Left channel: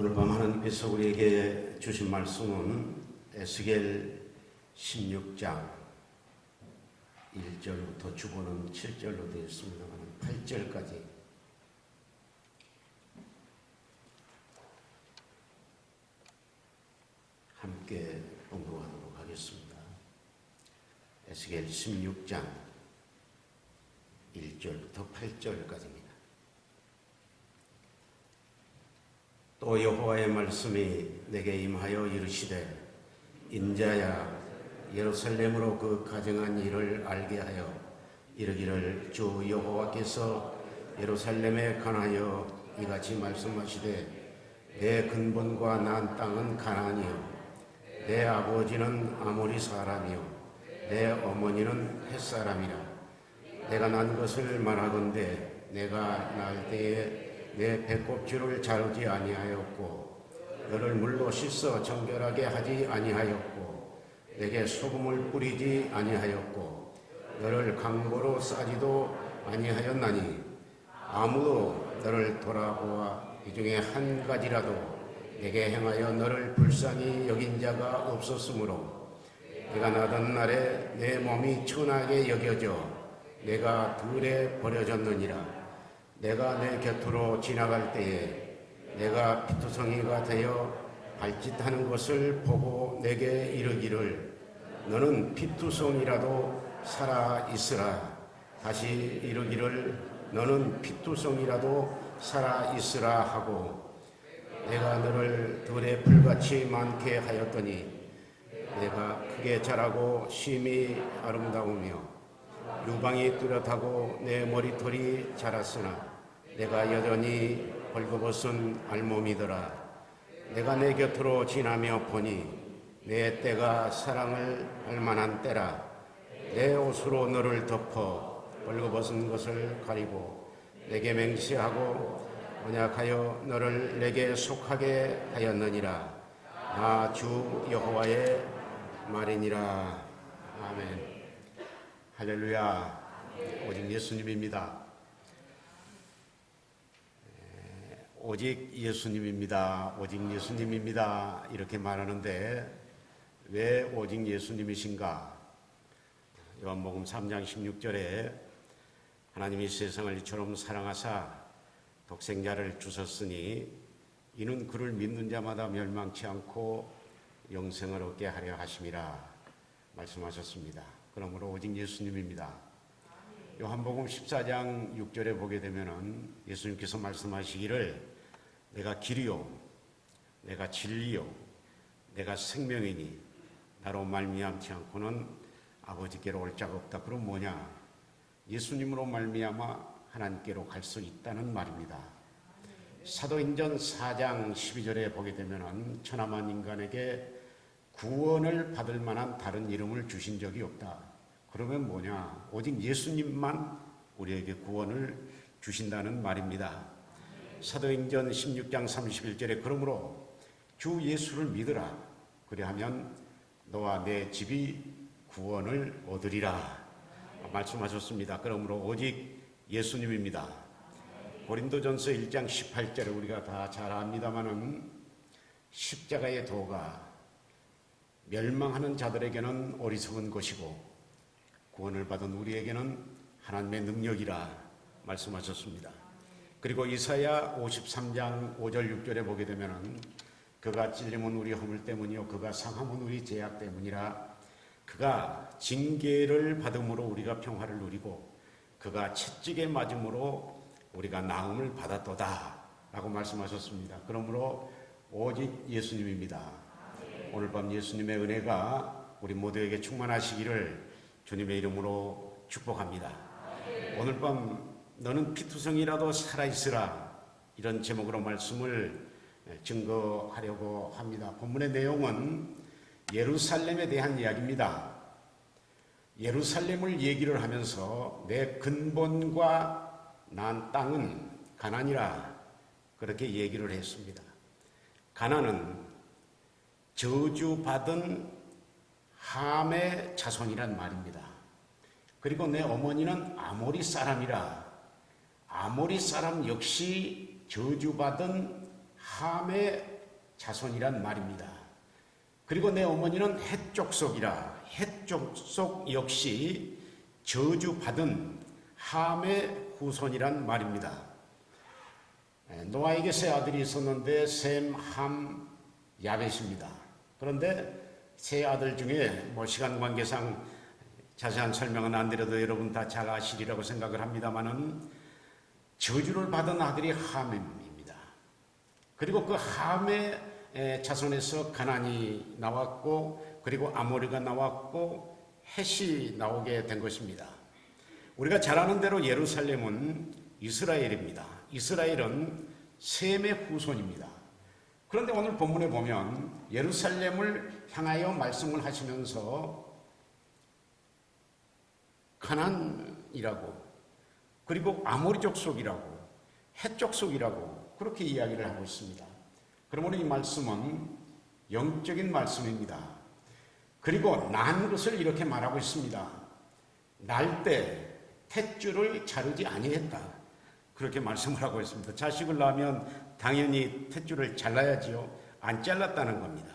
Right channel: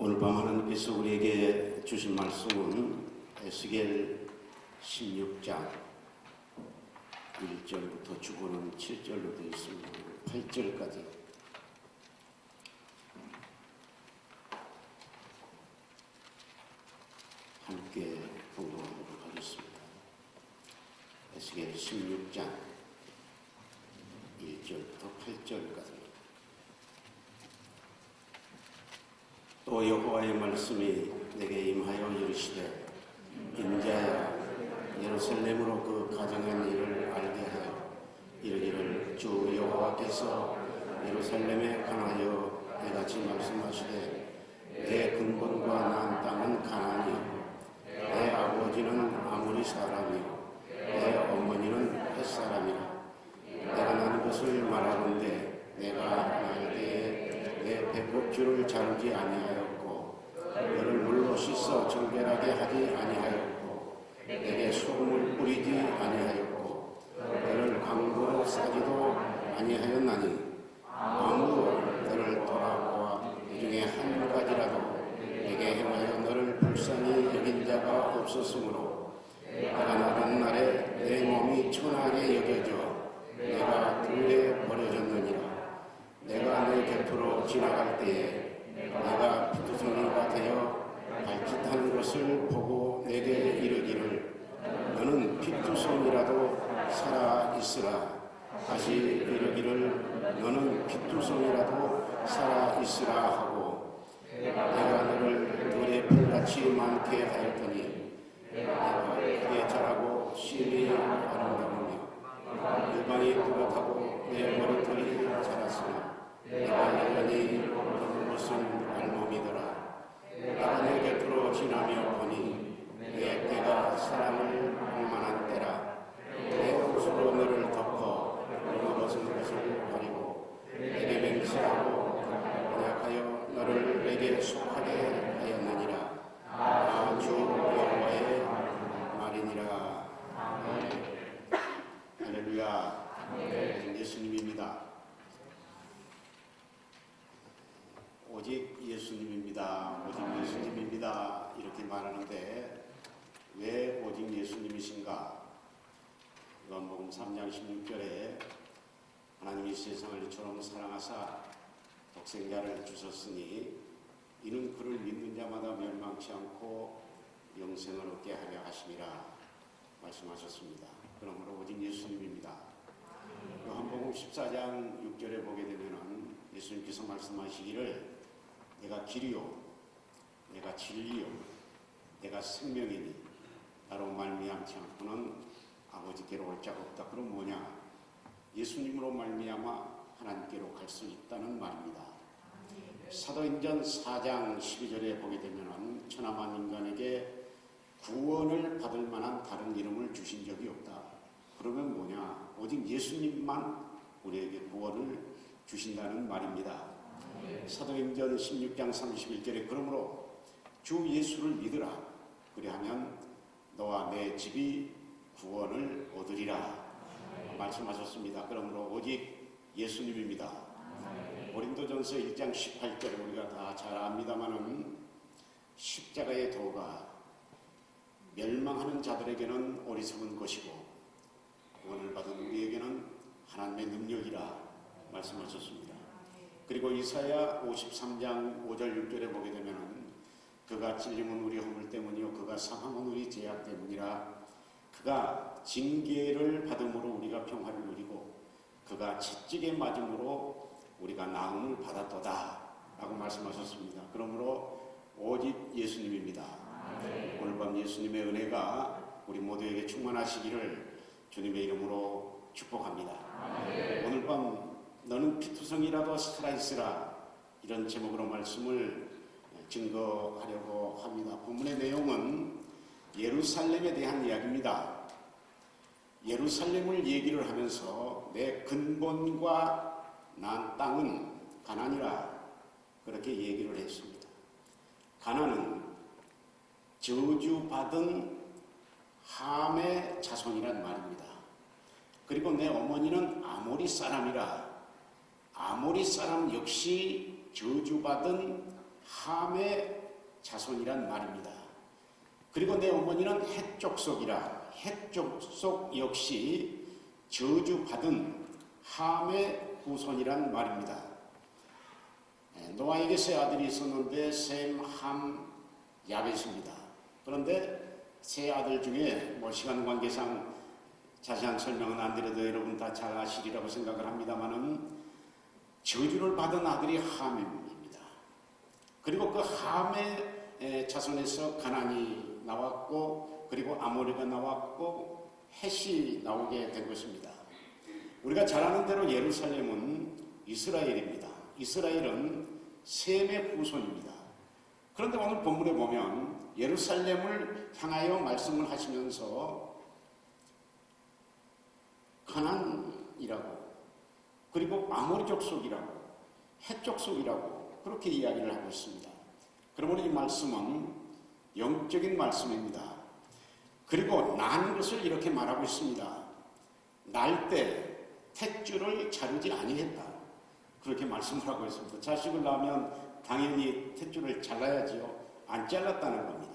오늘 밤 하나님께서 우리에게 주신 말씀은 에스겔 16장 1절부터 주보는 7절로 되어 있습니다. 8절까지 함께 공부하도록 하겠습니다. 에스겔 16장 1절부터 8절까지입니다. 또 여호와의 말씀이 내게 임하여 이르시되 인자야 예루살렘으로 그 가증한 일을 알게 하여 이르기를 주 여호와께서 예루살렘에 관하여 이같이 말씀하시되 내 근본과 난 땅은 가나안이요 내 아버지는 아모리 사람이요 내 어머니는 헷 사람이라 내가 난 것을 말하는데 내가 날 때에 내 배꼽줄을 자르지 아니하였고 너를 물로 씻어 정결하게 하지 아니하였고 내게 소금을 뿌리지 아니하였고 너를 강도로 싸지도 아니하였나니 아무도 너를 돌아보아 이 중에 한 가지라도 내게 행하여 너를 불쌍히 여긴 자가 없었으므로 내가 나간 날에 내 몸이 천하게 여겨져 내가 들에 버려졌느니라. 내가 내 곁으로 지나갈 때에 내가 피투성이가 되어 발짓하는 것을 보고 내게 이르기를 너는 피투성이라도 살아 있으라. 다시 이르기를 너는 피투성이라도 살아 있으라 하고 내가 너를 들에 풀같이 많게 하였더니 내가 크게 자라고 심히 아름다우며 유방이 뚜렷하고 내 머리털이 자랐으나 내가 여전히 벌거벗은 알몸이더라. 내가 내 곁으로 지나며 보니 내 때가 사람을 할 만한 때라. 내 옷으로 너를 덮어 벌거벗은 것을 가리고 내게 맹세하고 언약하여 너를 내게 속하게 하였느니라. 나 주 여호와의 말이니라. 아멘. 할렐루야. 예수님입니다. 오직 예수님입니다. 오직 예수님입니다. 이렇게 말하는데 왜 오직 예수님이신가? 요한복음 3장 16절에 하나님이 세상을 이처럼 사랑하사 독생자를 주셨으니 이는 그를 믿는 자마다 멸망치 않고 영생을 얻게 하려 하심이라 말씀하셨습니다. 그러므로 오직 예수님입니다. 요한복음 14장 6절에 보게 되면은 예수님께서 말씀하시기를 내가 길이요 내가 진리요 내가 생명이니 나로 말미암지 않고는 아버지께로 올 자가 없다. 그럼 뭐냐? 예수님으로 말미암아 하나님께로 갈 수 있다는 말입니다. 사도행전 4장 12절에 보게 되면은 천하만 인간에게 구원을 받을 만한 다른 이름을 주신 적이 없다. 그러면 뭐냐? 오직 예수님만 우리에게 구원을 주신다는 말입니다. 사도행전 16장 31절에 그러므로 주 예수를 믿으라. 그리하면 너와 내 집이 구원을 얻으리라 말씀하셨습니다. 그러므로 오직 예수님입니다. 고린도전서 1장 18절에 우리가 다 잘 압니다마는 십자가의 도가 멸망하는 자들에게는 어리석은 것이고 구원을 받은 우리에게는 하나님의 능력이라 말씀하셨습니다. 그리고 이사야 53장 5절 6절에 보게 되면 그가 찔림은 우리 허물 때문이요 그가 상함은 우리 죄악 때문이라. 그가 징계를 받음으로 우리가 평화를 누리고 그가 채찍에 맞음으로 우리가 나음을 받았도다 라고 말씀하셨습니다. 그러므로 오직 예수님입니다. 오늘 밤 예수님의 은혜가 우리 모두에게 충만하시기를 주님의 이름으로 축복합니다. 오늘 밤 너는 피투성이라도 살아있으라 이런 제목으로 말씀을 증거하려고 합니다. 본문의 내용은 예루살렘에 대한 이야기입니다. 예루살렘을 얘기를 하면서 내 근본과 난 땅은 가나안이라 그렇게 얘기를 했습니다. 가나안은 저주받은 함의 자손이란 말입니다. 그리고 내 어머니는 아모리 사람이라 아모리 사람 역시 저주받은 함의 자손이란 말입니다. 그리고 내 어머니는 헷 족속이라. 헷 족속 역시 저주받은 함의 후손이란 말입니다. 노아에게 세 아들이 있었는데 셈, 함, 야벳입니다. 그런데 세 아들 중에 시간 관계상 자세한 설명은 안 드려도 여러분 다 잘 아시리라고 생각을 합니다만은 저주를 받은 아들이 함입니다. 그리고 그 함의 자손에서 가나안이 나왔고, 그리고 아모리가 나왔고, 헷이 나오게 된 것입니다. 우리가 잘 아는 대로 예루살렘은 이스라엘입니다. 이스라엘은 셈의 후손입니다. 그런데 오늘 본문에 보면 예루살렘을 향하여 말씀을 하시면서 가나안이라고, 그리고 아모리 족속이라고, 헷 족속이라고 그렇게 이야기를 하고 있습니다. 그러므로 이 말씀은 영적인 말씀입니다. 그리고 난 것을 이렇게 말하고 있습니다. 날 때 탯줄을 자르지 아니했다, 그렇게 말씀을 하고 있습니다. 자식을 낳으면 당연히 탯줄을 잘라야지요. 안 잘랐다는 겁니다.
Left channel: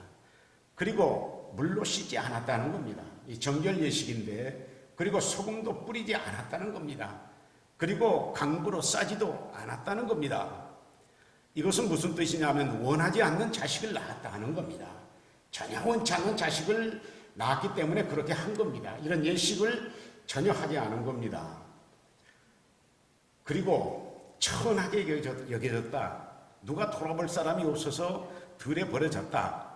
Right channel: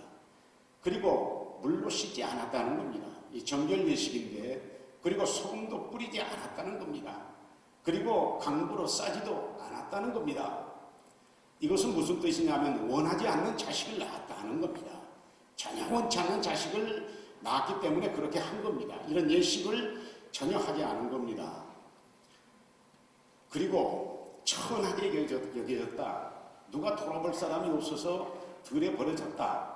그리고 물로 씻지 않았다는 겁니다. 이 정결 예식인데, 그리고 소금도 뿌리지 않았다는 겁니다. 그리고 강구로 싸지도 않았다는 겁니다. 이것은 무슨 뜻이냐면 원하지 않는 자식을 낳았다는 겁니다. 전혀 원치 않는 자식을 낳았기 때문에 그렇게 한 겁니다. 이런 예식을 전혀 하지 않은 겁니다. 그리고 천하게 여겨졌다. 누가 돌아볼 사람이 없어서 들에 버려졌다,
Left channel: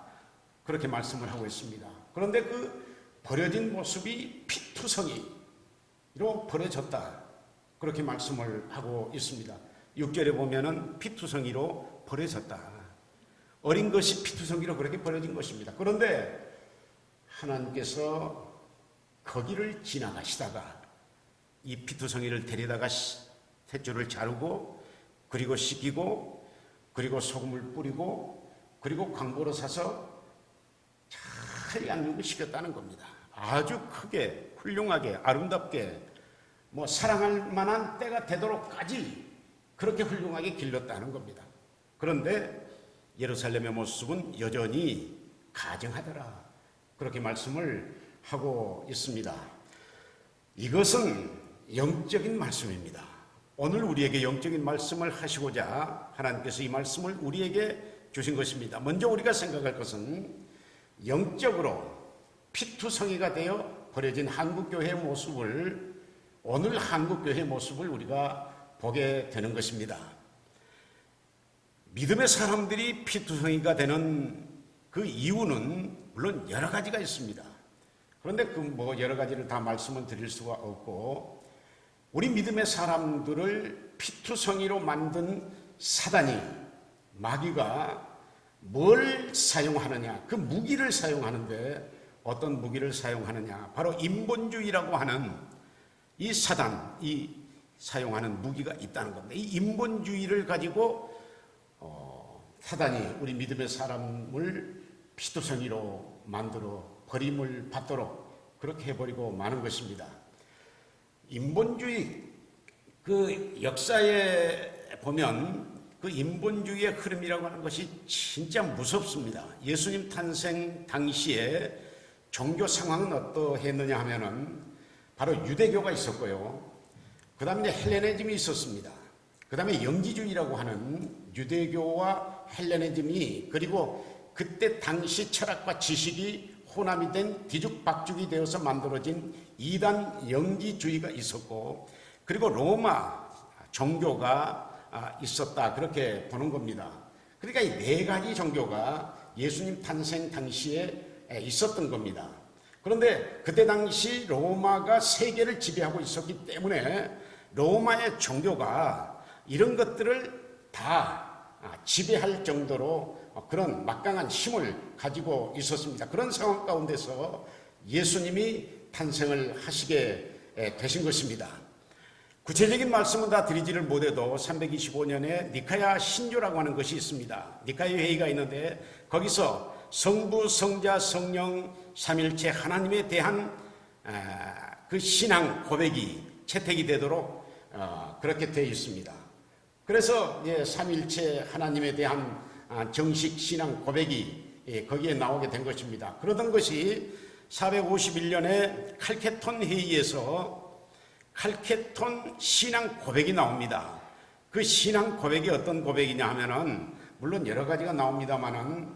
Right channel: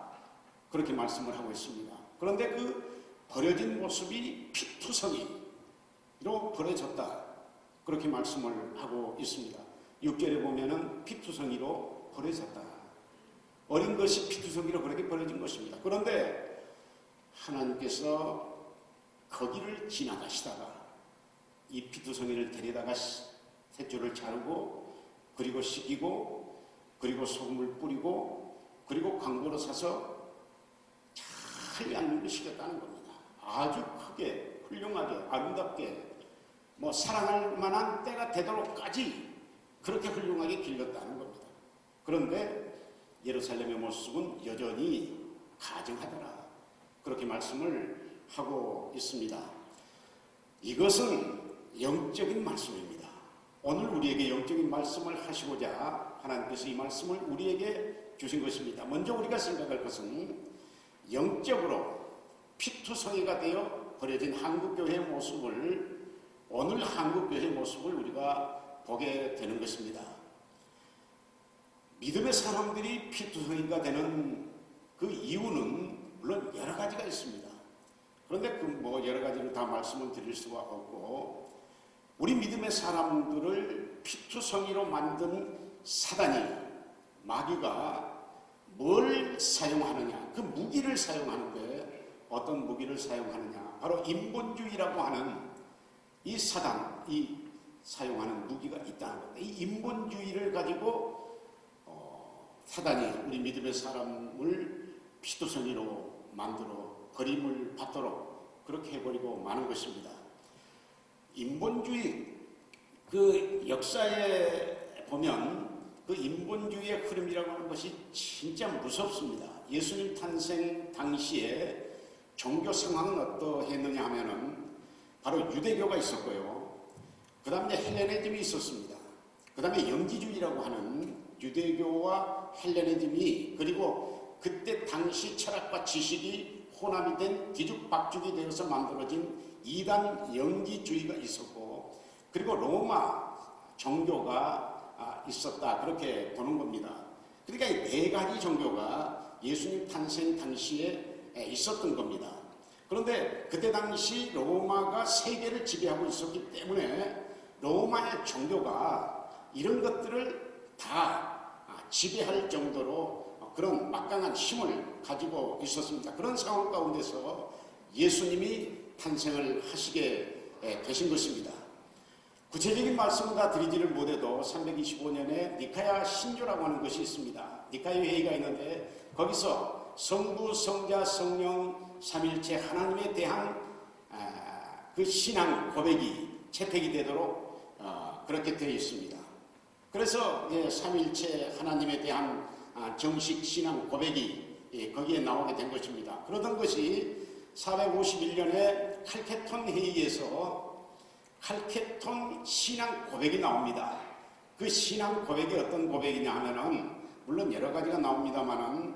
그렇게 말씀을 하고 있습니다. 그런데 그 버려진 모습이 피투성이로 버려졌다, 그렇게 말씀을 하고 있습니다. 6절에 보면은 피투성이로 버려졌다. 어린 것이 피투성이로 그렇게 버려진 것입니다. 그런데 하나님께서 거기를 지나가시다가 이 피투성이를 데려다가 탯줄을 자르고, 그리고 씻기고, 그리고 소금을 뿌리고, 그리고 광고로 사서 잘 양념을 시켰다는 겁니다. 아주 크게, 훌륭하게, 아름답게, 사랑할 만한 때가 되도록까지 그렇게 훌륭하게 길렀다는 겁니다. 그런데 예루살렘의 모습은 여전히 가증하더라, 그렇게 말씀을 하고 있습니다. 이것은 영적인 말씀입니다. 오늘 우리에게 영적인 말씀을 하시고자 하나님께서 이 말씀을 우리에게 주신 것입니다. 먼저 우리가 생각할 것은 영적으로 피투성이가 되어 버려진 한국교회의 모습을, 오늘 한국교회의 모습을 우리가 보게 되는 것입니다. 믿음의 사람들이 피투성이가 되는 그 이유는 물론 여러 가지가 있습니다. 그런데 여러 가지를 다 말씀을 드릴 수가 없고, 우리 믿음의 사람들을 피투성이로 만든 사단이, 마귀가 뭘 사용하느냐, 그 무기를 사용하는데 어떤 무기를 사용하느냐, 바로 인본주의라고 하는 이 사단이 사용하는 무기가 있다는 겁니다. 이 인본주의를 가지고 사단이 우리 믿음의 사람을 피투성이로 만들어 버림을 받도록 그렇게 해버리고 마는 것입니다. 인본주의, 그 역사에 보면 그 인본주의의 흐름이라고 하는 것이 진짜 무섭습니다. 예수님 탄생 당시에 종교 상황은 어떠했느냐 하면은 바로 유대교가 있었고요. 그 다음에 헬레니즘이 있었습니다. 그 다음에 영지주의라고 하는 유대교와 헬레니즘이, 그리고 그때 당시 철학과 지식이 혼합이 된 뒤죽박죽이 되어서 만들어진 이단 영지주의가 있었고, 그리고 로마 종교가 있었다, 그렇게 보는 겁니다. 그러니까 이 네 가지 종교가 예수님 탄생 당시에 있었던 겁니다. 그런데 그때 당시 로마가 세계를 지배하고 있었기 때문에 로마의 종교가 이런 것들을 다 지배할 정도로 그런 막강한 힘을 가지고 있었습니다. 그런 상황 가운데서 예수님이 탄생을 하시게 되신 것입니다. 구체적인 말씀은 다 드리지를 못해도 325년에 니카야 신조라고 하는 것이 있습니다. 니카야 회의가 있는데 거기서 성부, 성자, 성령 삼일체 하나님에 대한 그 신앙 고백이 채택이 되도록 그렇게 되어 있습니다. 그래서 삼일체 하나님에 대한 정식 신앙 고백이 거기에 나오게 된 것입니다. 그러던 것이 451년에 칼케톤 회의에서 칼케톤 신앙 고백이 나옵니다. 그 신앙 고백이 어떤 고백이냐 하면은 물론 여러 가지가 나옵니다만은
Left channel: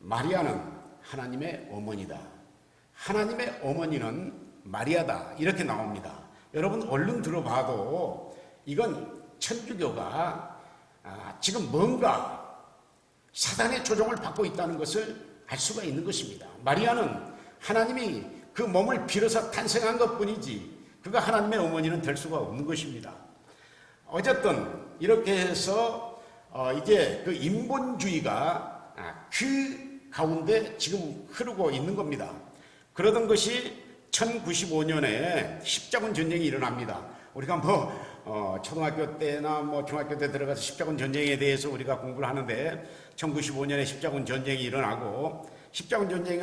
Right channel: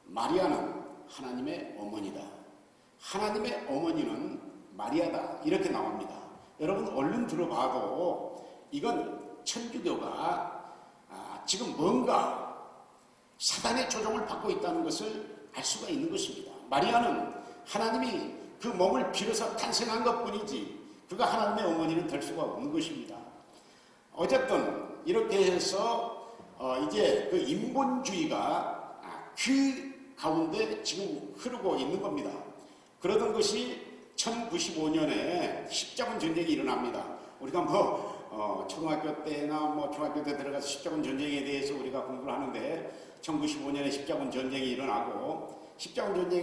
마리아는 하나님의 어머니다. 하나님의 어머니는 마리아다. 이렇게 나옵니다. 여러분 얼른 들어봐도 이건 천주교가 지금 뭔가 사단의 조종을 받고 있다는 것을 알 수가 있는 것입니다. 마리아는 하나님이 그 몸을 빌어서 탄생한 것뿐이지 그가 하나님의 어머니는 될 수가 없는 것입니다. 어쨌든 이렇게 해서 이제 그 인본주의가 그 가운데 지금 흐르고 있는 겁니다. 그러던 것이 1095년에 십자군 전쟁이 일어납니다. 우리가 초등학교 때나 중학교 때 들어가서 십자군 전쟁에 대해서 우리가 공부를 하는데 1095년에 십자군 전쟁이 일어나고 십자군 전쟁이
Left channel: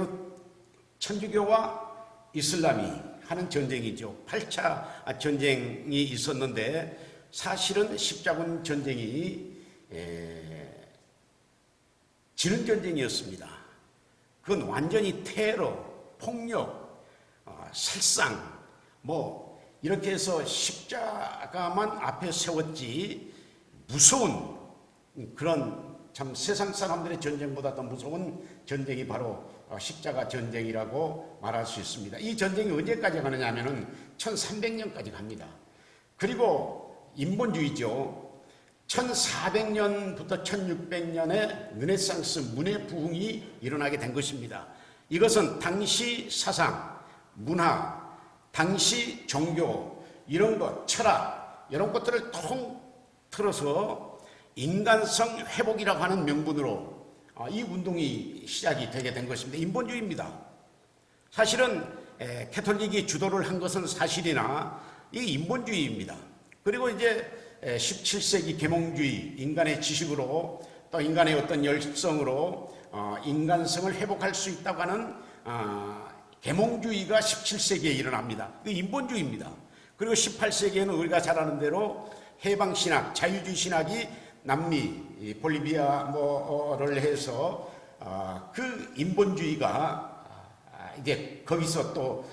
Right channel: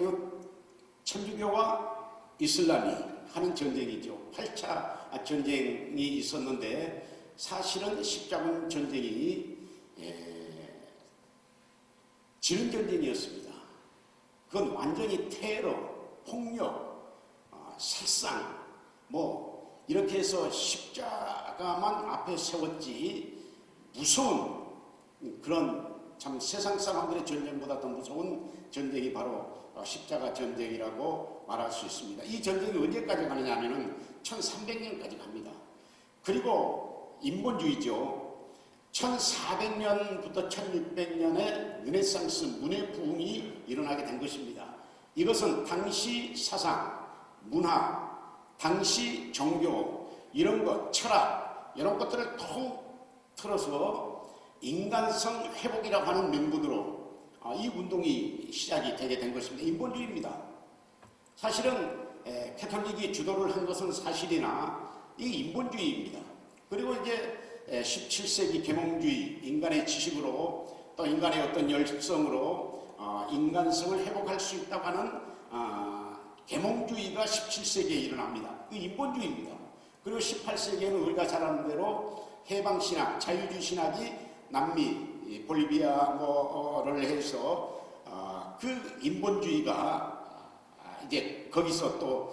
천주교와 이슬람이 하는 전쟁이죠. 8차 전쟁이 있었는데 사실은 십자군 전쟁이 지는 전쟁이었습니다. 그건 완전히 테러, 폭력, 살상 이렇게 해서 십자가만 앞에 세웠지 무서운 그런 참 세상 사람들의 전쟁보다 더 무서운 전쟁이 바로 십자가 전쟁이라고 말할 수 있습니다. 이 전쟁이 언제까지 가느냐 하면 1300년까지 갑니다. 그리고 인본주의죠. 1400년부터 1600년에 르네상스 문예 부흥이 일어나게 된 것입니다. 이것은 당시 사상, 문화, 당시 종교, 이런 것, 철학, 이런 것들을 통틀어서 인간성 회복이라고 하는 명분으로 이 운동이 시작이 되게 된 것입니다. 인본주의입니다. 사실은 캐톨릭이 주도를 한 것은 사실이나 이 인본주의입니다. 그리고 이제 17세기 계몽주의, 인간의 지식으로 또 인간의 어떤 열성으로 인간성을 회복할 수 있다고 하는 계몽주의가 17세기에 일어납니다. 그 인본주의입니다. 그리고 18세기에는 우리가 잘 아는 대로 해방신학, 자유주의 신학이 남미, 볼리비아를 해서 그 인본주의가 이제 거기서 또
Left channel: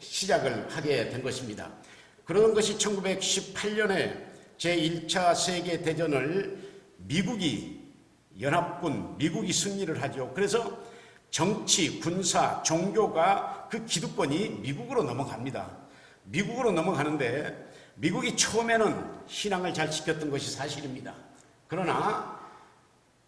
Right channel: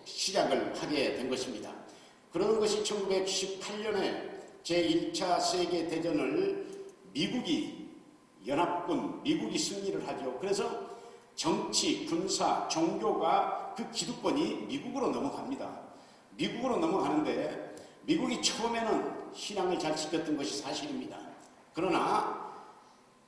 시작을 하게 된 것입니다. 그런 것이 1918년에 제1차 세계대전을 미국이 승리를 하죠. 그래서 정치, 군사, 종교가 그 기득권이 미국으로 넘어갑니다. 미국으로 넘어가는데 미국이 처음에는 신앙을 잘 지켰던 것이 사실입니다. 그러나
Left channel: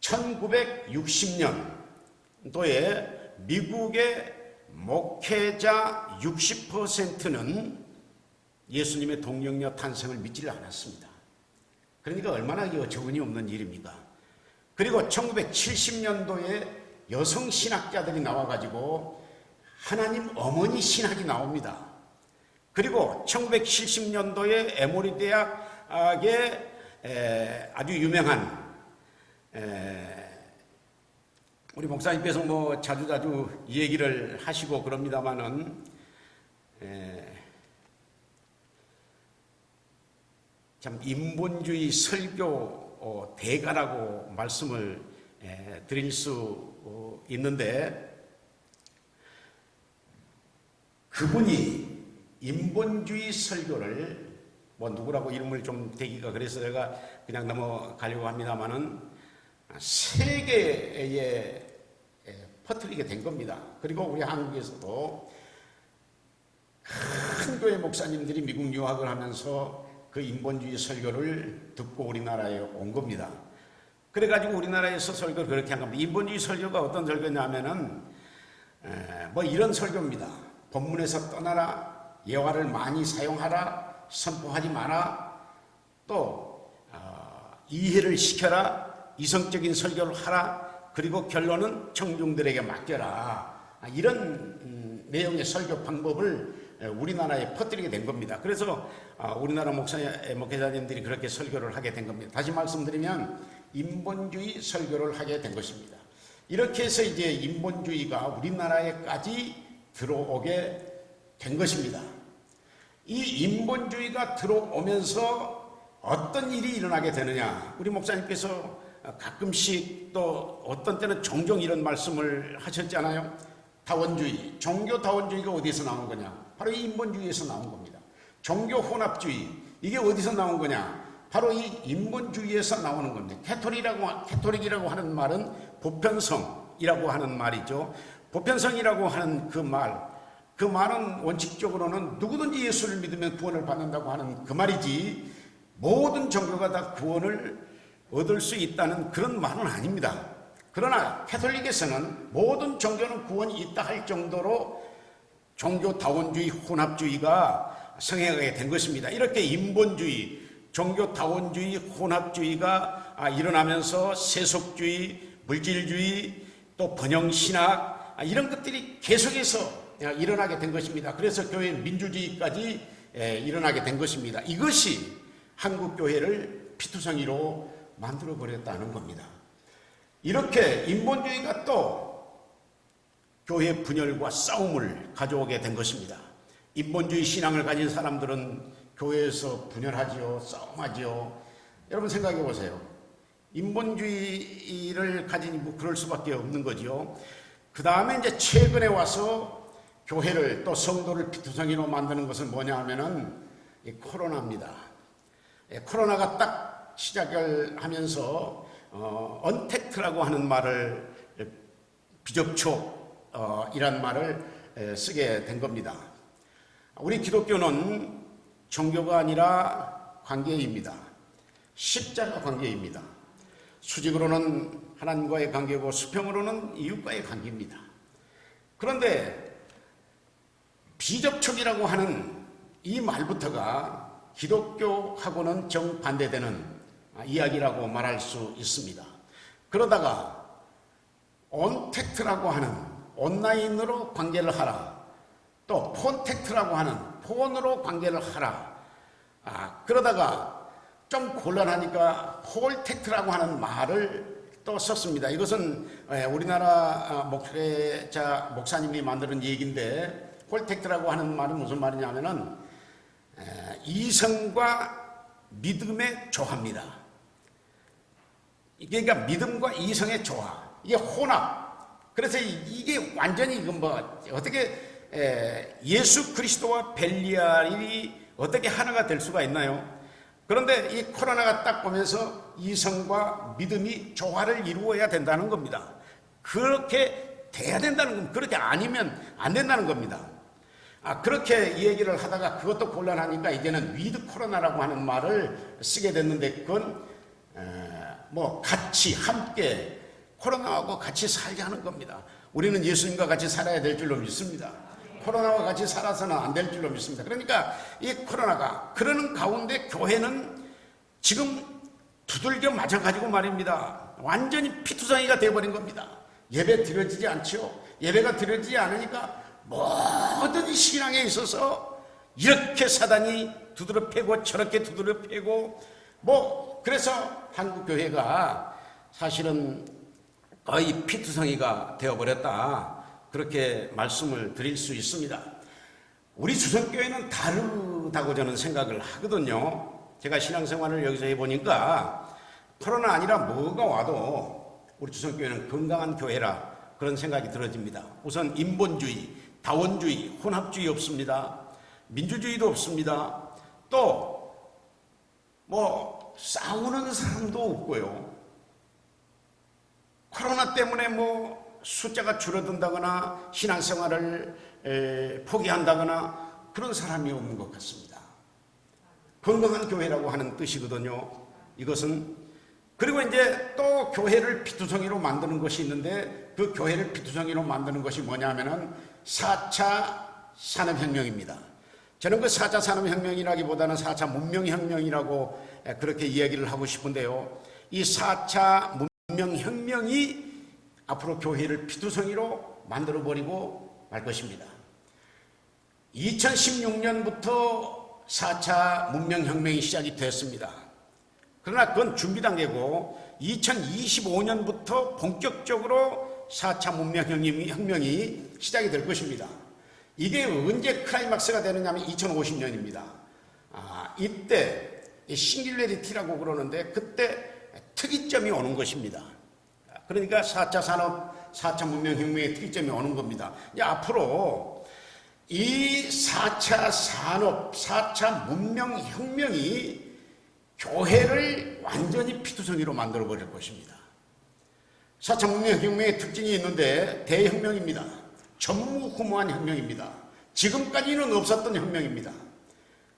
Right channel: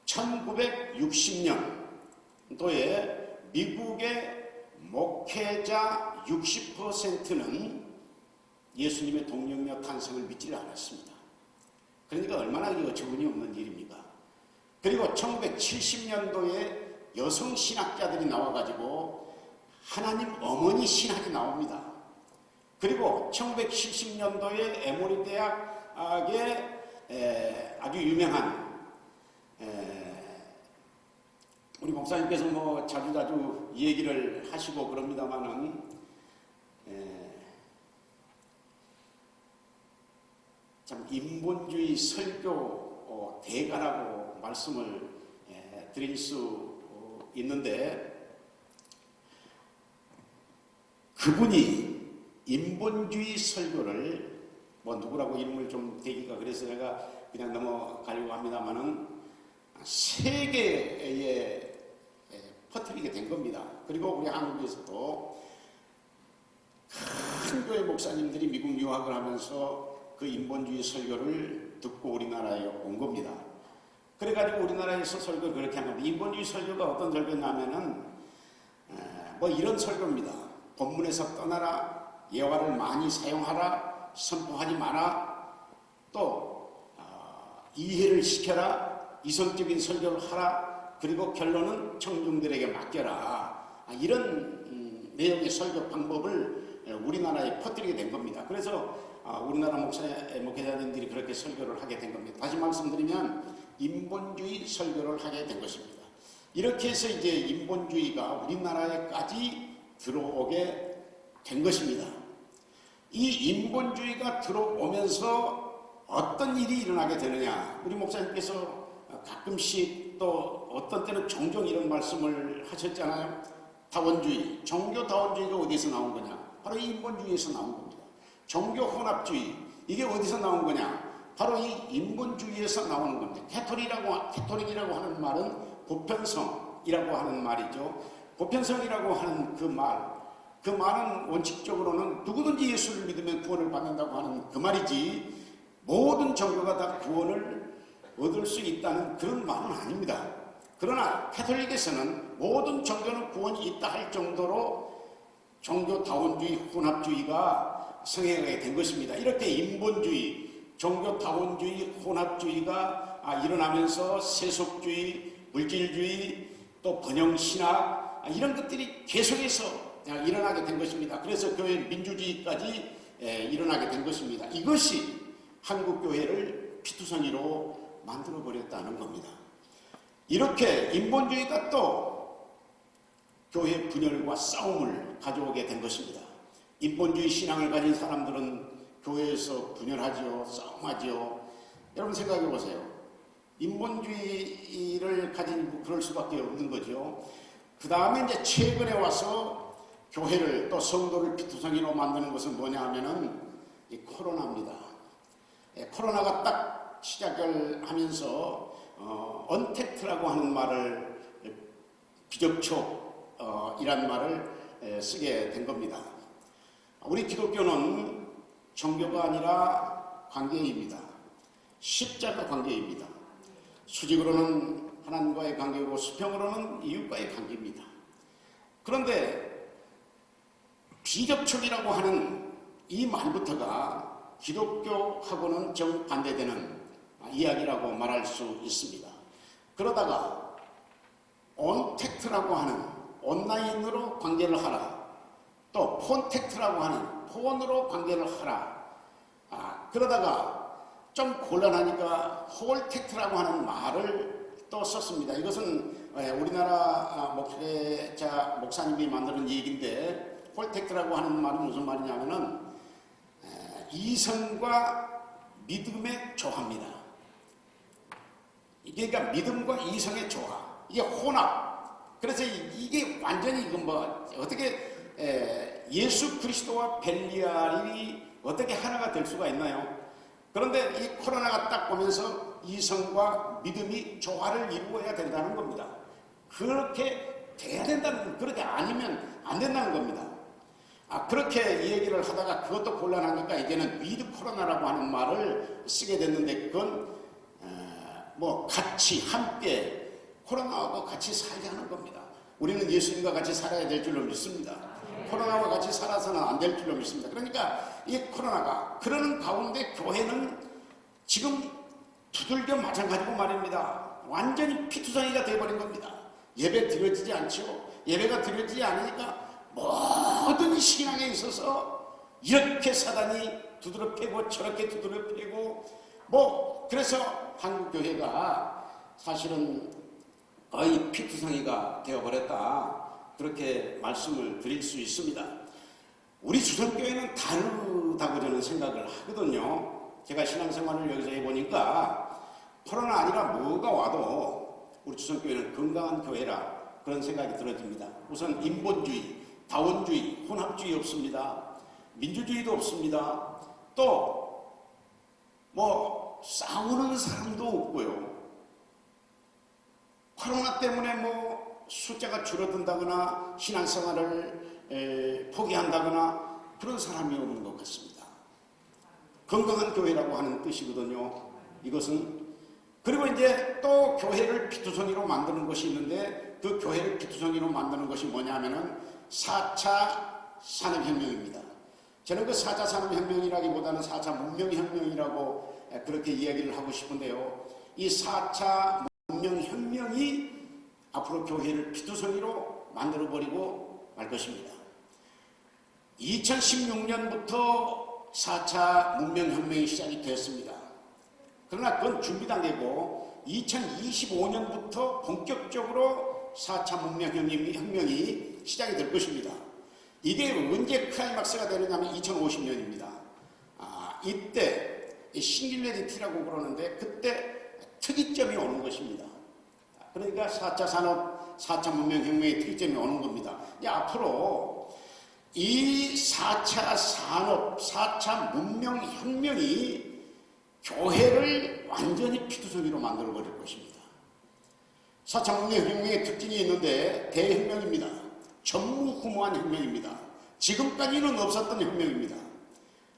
1960년도에 미국의 목회자 60%는 예수님의 동정녀 탄생을 믿지를 않았습니다. 그러니까 얼마나 어처구니 없는 일입니까? 그리고 1970년도에 여성 신학자들이 나와가지고 하나님 어머니 신학이 나옵니다. 그리고 1970년도에 에모리 대학의 아주 유명한 우리 목사님께서 자주자주 이 얘기를 하시고 그럽니다마는 참 인본주의 설교 대가라고 말씀을 드릴 수 있는데 그분이 인본주의 설교를 누구라고 이름을 좀 대기가 그래서 제가 그냥 넘어가려고 합니다만은 세계에 퍼뜨리게 된 겁니다. 그리고 우리 한국에서도 큰 교회 목사님들이 미국 유학을 하면서 그 인본주의 설교를 듣고 우리나라에 온 겁니다. 그래가지고 우리나라에서 설교를 그렇게 합니다. 인본주의 설교가 어떤 설교냐면은 이런 설교입니다. 본문에서 떠나라, 예화를 많이 사용하라, 선포하지 마라, 또 이해를 시켜라, 이성적인 설교를 하라, 그리고 결론은 청중들에게 맡겨라. 이런 내용의 설교 방법을 우리나라에 퍼뜨리게 된 겁니다. 그래서 우리나라 목회자님들이 그렇게 설교를 하게 된 겁니다. 다시 말씀드리면 인본주의 설교를 하게 된 것입니다. 이렇게 해서 이제 인본주의가 우리나라에까지 들어오게 된 것입니다. 이 인본주의가 들어오면서 어떤 일이 일어나게 되느냐, 우리 목사님께서 가끔씩 또 어떤 때는 종종 이런 말씀을 하셨잖아요. 다원주의, 종교 다원주의가 어디서 나온 거냐? 바로 이 인본주의에서 나온 겁니다. 종교 혼합주의, 이게 어디서 나온 거냐? 바로 이 인본주의에서 나오는 겁니다. 캐톨릭이라고 하는 말은 보편성이라고 하는 말이죠. 보편성이라고 하는 그 말은 원칙적으로는 누구든지 예수를 믿으면 구원을 받는다고 하는 그 말이지, 모든 종교가 다 구원을 얻을 수 있다는 그런 말은 아닙니다. 그러나 캐톨릭에서는 모든 종교는 구원이 있다 할 정도로 종교 다원주의, 혼합주의가 성행하게 된 것입니다. 이렇게 인본주의, 종교 다원주의, 혼합주의가 일어나면서 세속주의, 물질주의, 또 번영신학, 이런 것들이 계속해서 일어나게 된 것입니다. 그래서 교회 민주주의까지 일어나게 된 것입니다. 이것이 한국교회를 피투성이로 만들어버렸다는 겁니다. 이렇게 인본주의가 또 교회 분열과 싸움을 가져오게 된 것입니다. 인본주의 신앙을 가진 사람들은 교회에서 분열하죠, 싸움하죠. 여러분 생각해 보세요. 인본주의를 가진 그럴 수밖에 없는 거죠. 그 다음에 이제 최근에 와서 교회를 또 성도를 피투성이로 만드는 것은 뭐냐 하면은 이 코로나입니다. 코로나가 딱 시작을 하면서 언택트라고 하는 말을, 비접촉이라는 말을 쓰게 된 겁니다. 우리 기독교는 종교가 아니라 관계입니다. 십자가 관계입니다. 수직으로는 하나님과의 관계고 수평으로는 이웃과의 관계입니다. 그런데 비접촉이라고 하는 이 말부터가 기독교하고는 정반대되는 이야기라고 말할 수 있습니다. 그러다가 온택트라고 하는 온라인으로 관계를 하라, 또 포택트라고 하는 폰으로 관계를 하라, 그러다가 좀 곤란하니까 홀택트라고 하는 말을 또 썼습니다. 이것은 우리나라 목사님이 만드는 얘기인데, 홀택트라고 하는 말은 무슨 말이냐면은 이성과 믿음의 조화입니다. 그러니까 믿음과 이성의 조화, 이게 혼합. 그래서 이게 완전히 어떻게 예수 그리스도와 벨리알이 어떻게 하나가 될 수가 있나요? 그런데 이 코로나가 딱 오면서 이성과 믿음이 조화를 이루어야 된다는 겁니다. 그렇게 돼야 된다는 겁니다. 그렇게 아니면 안 된다는 겁니다. 그렇게 얘기를 하다가 그것도 곤란하니까 이제는 위드 코로나라고 하는 말을 쓰게 됐는데, 그건 같이 함께 코로나하고 같이 살자는 겁니다. 우리는 예수님과 같이 살아야 될 줄로 믿습니다. 코로나와 같이 살아서는 안 될 줄로 믿습니다. 그러니까 이 코로나가 그러는 가운데 교회는 지금 두들겨 맞아가지고 말입니다. 완전히 피투성이가 되어버린 겁니다. 예배 드려지지 않죠. 예배가 드려지지 않으니까 모든 신앙에 있어서 이렇게 사단이 두드러 패고 저렇게 두드러 패고, 그래서 한국교회가 사실은 거의 피투성이가 되어버렸다, 그렇게 말씀을 드릴 수 있습니다. 우리 주선교회는 다르다고 저는 생각을 하거든요. 제가 신앙생활을 여기서 해보니까 코로나 아니라 뭐가 와도 우리 주선교회는 건강한 교회라 그런 생각이 들어집니다. 우선 인본주의, 다원주의, 혼합주의 없습니다. 민주주의도 없습니다. 또 싸우는 사람도 없고요. 코로나 때문에 숫자가 줄어든다거나 신앙생활을 포기한다거나 그런 사람이 없는 것 같습니다. 건강한 교회라고 하는 뜻이거든요. 이것은. 그리고 이제 또 교회를 피투성이로 만드는 것이 있는데, 그 교회를 피투성이로 만드는 것이 뭐냐면은 4차 산업혁명입니다. 저는 그 4차 산업혁명이라기보다는 4차 문명혁명이라고 그렇게 이야기를 하고 싶은데요. 이 4차 문명혁명이 앞으로 교회를 피투성이로 만들어버리고 말 것입니다. 2016년부터 4차 문명혁명이 시작이 됐습니다. 그러나 그건 준비 단계고 2025년부터 본격적으로 4차 문명혁명이 시작이 될 것입니다. 이게 언제 클라이막스가 되느냐면 2050년입니다. 이때 싱귤레리티라고 그러는데, 그때 특이점이 오는 것입니다. 그러니까 4차 산업, 4차 문명혁명의 특이점이 오는 겁니다. 앞으로 이 4차 산업, 4차 문명혁명이 교회를 완전히 피투성이로 만들어버릴 것입니다. 4차 문명혁명의 특징이 있는데 대혁명입니다. 전무후무한 혁명입니다. 지금까지는 없었던 혁명입니다.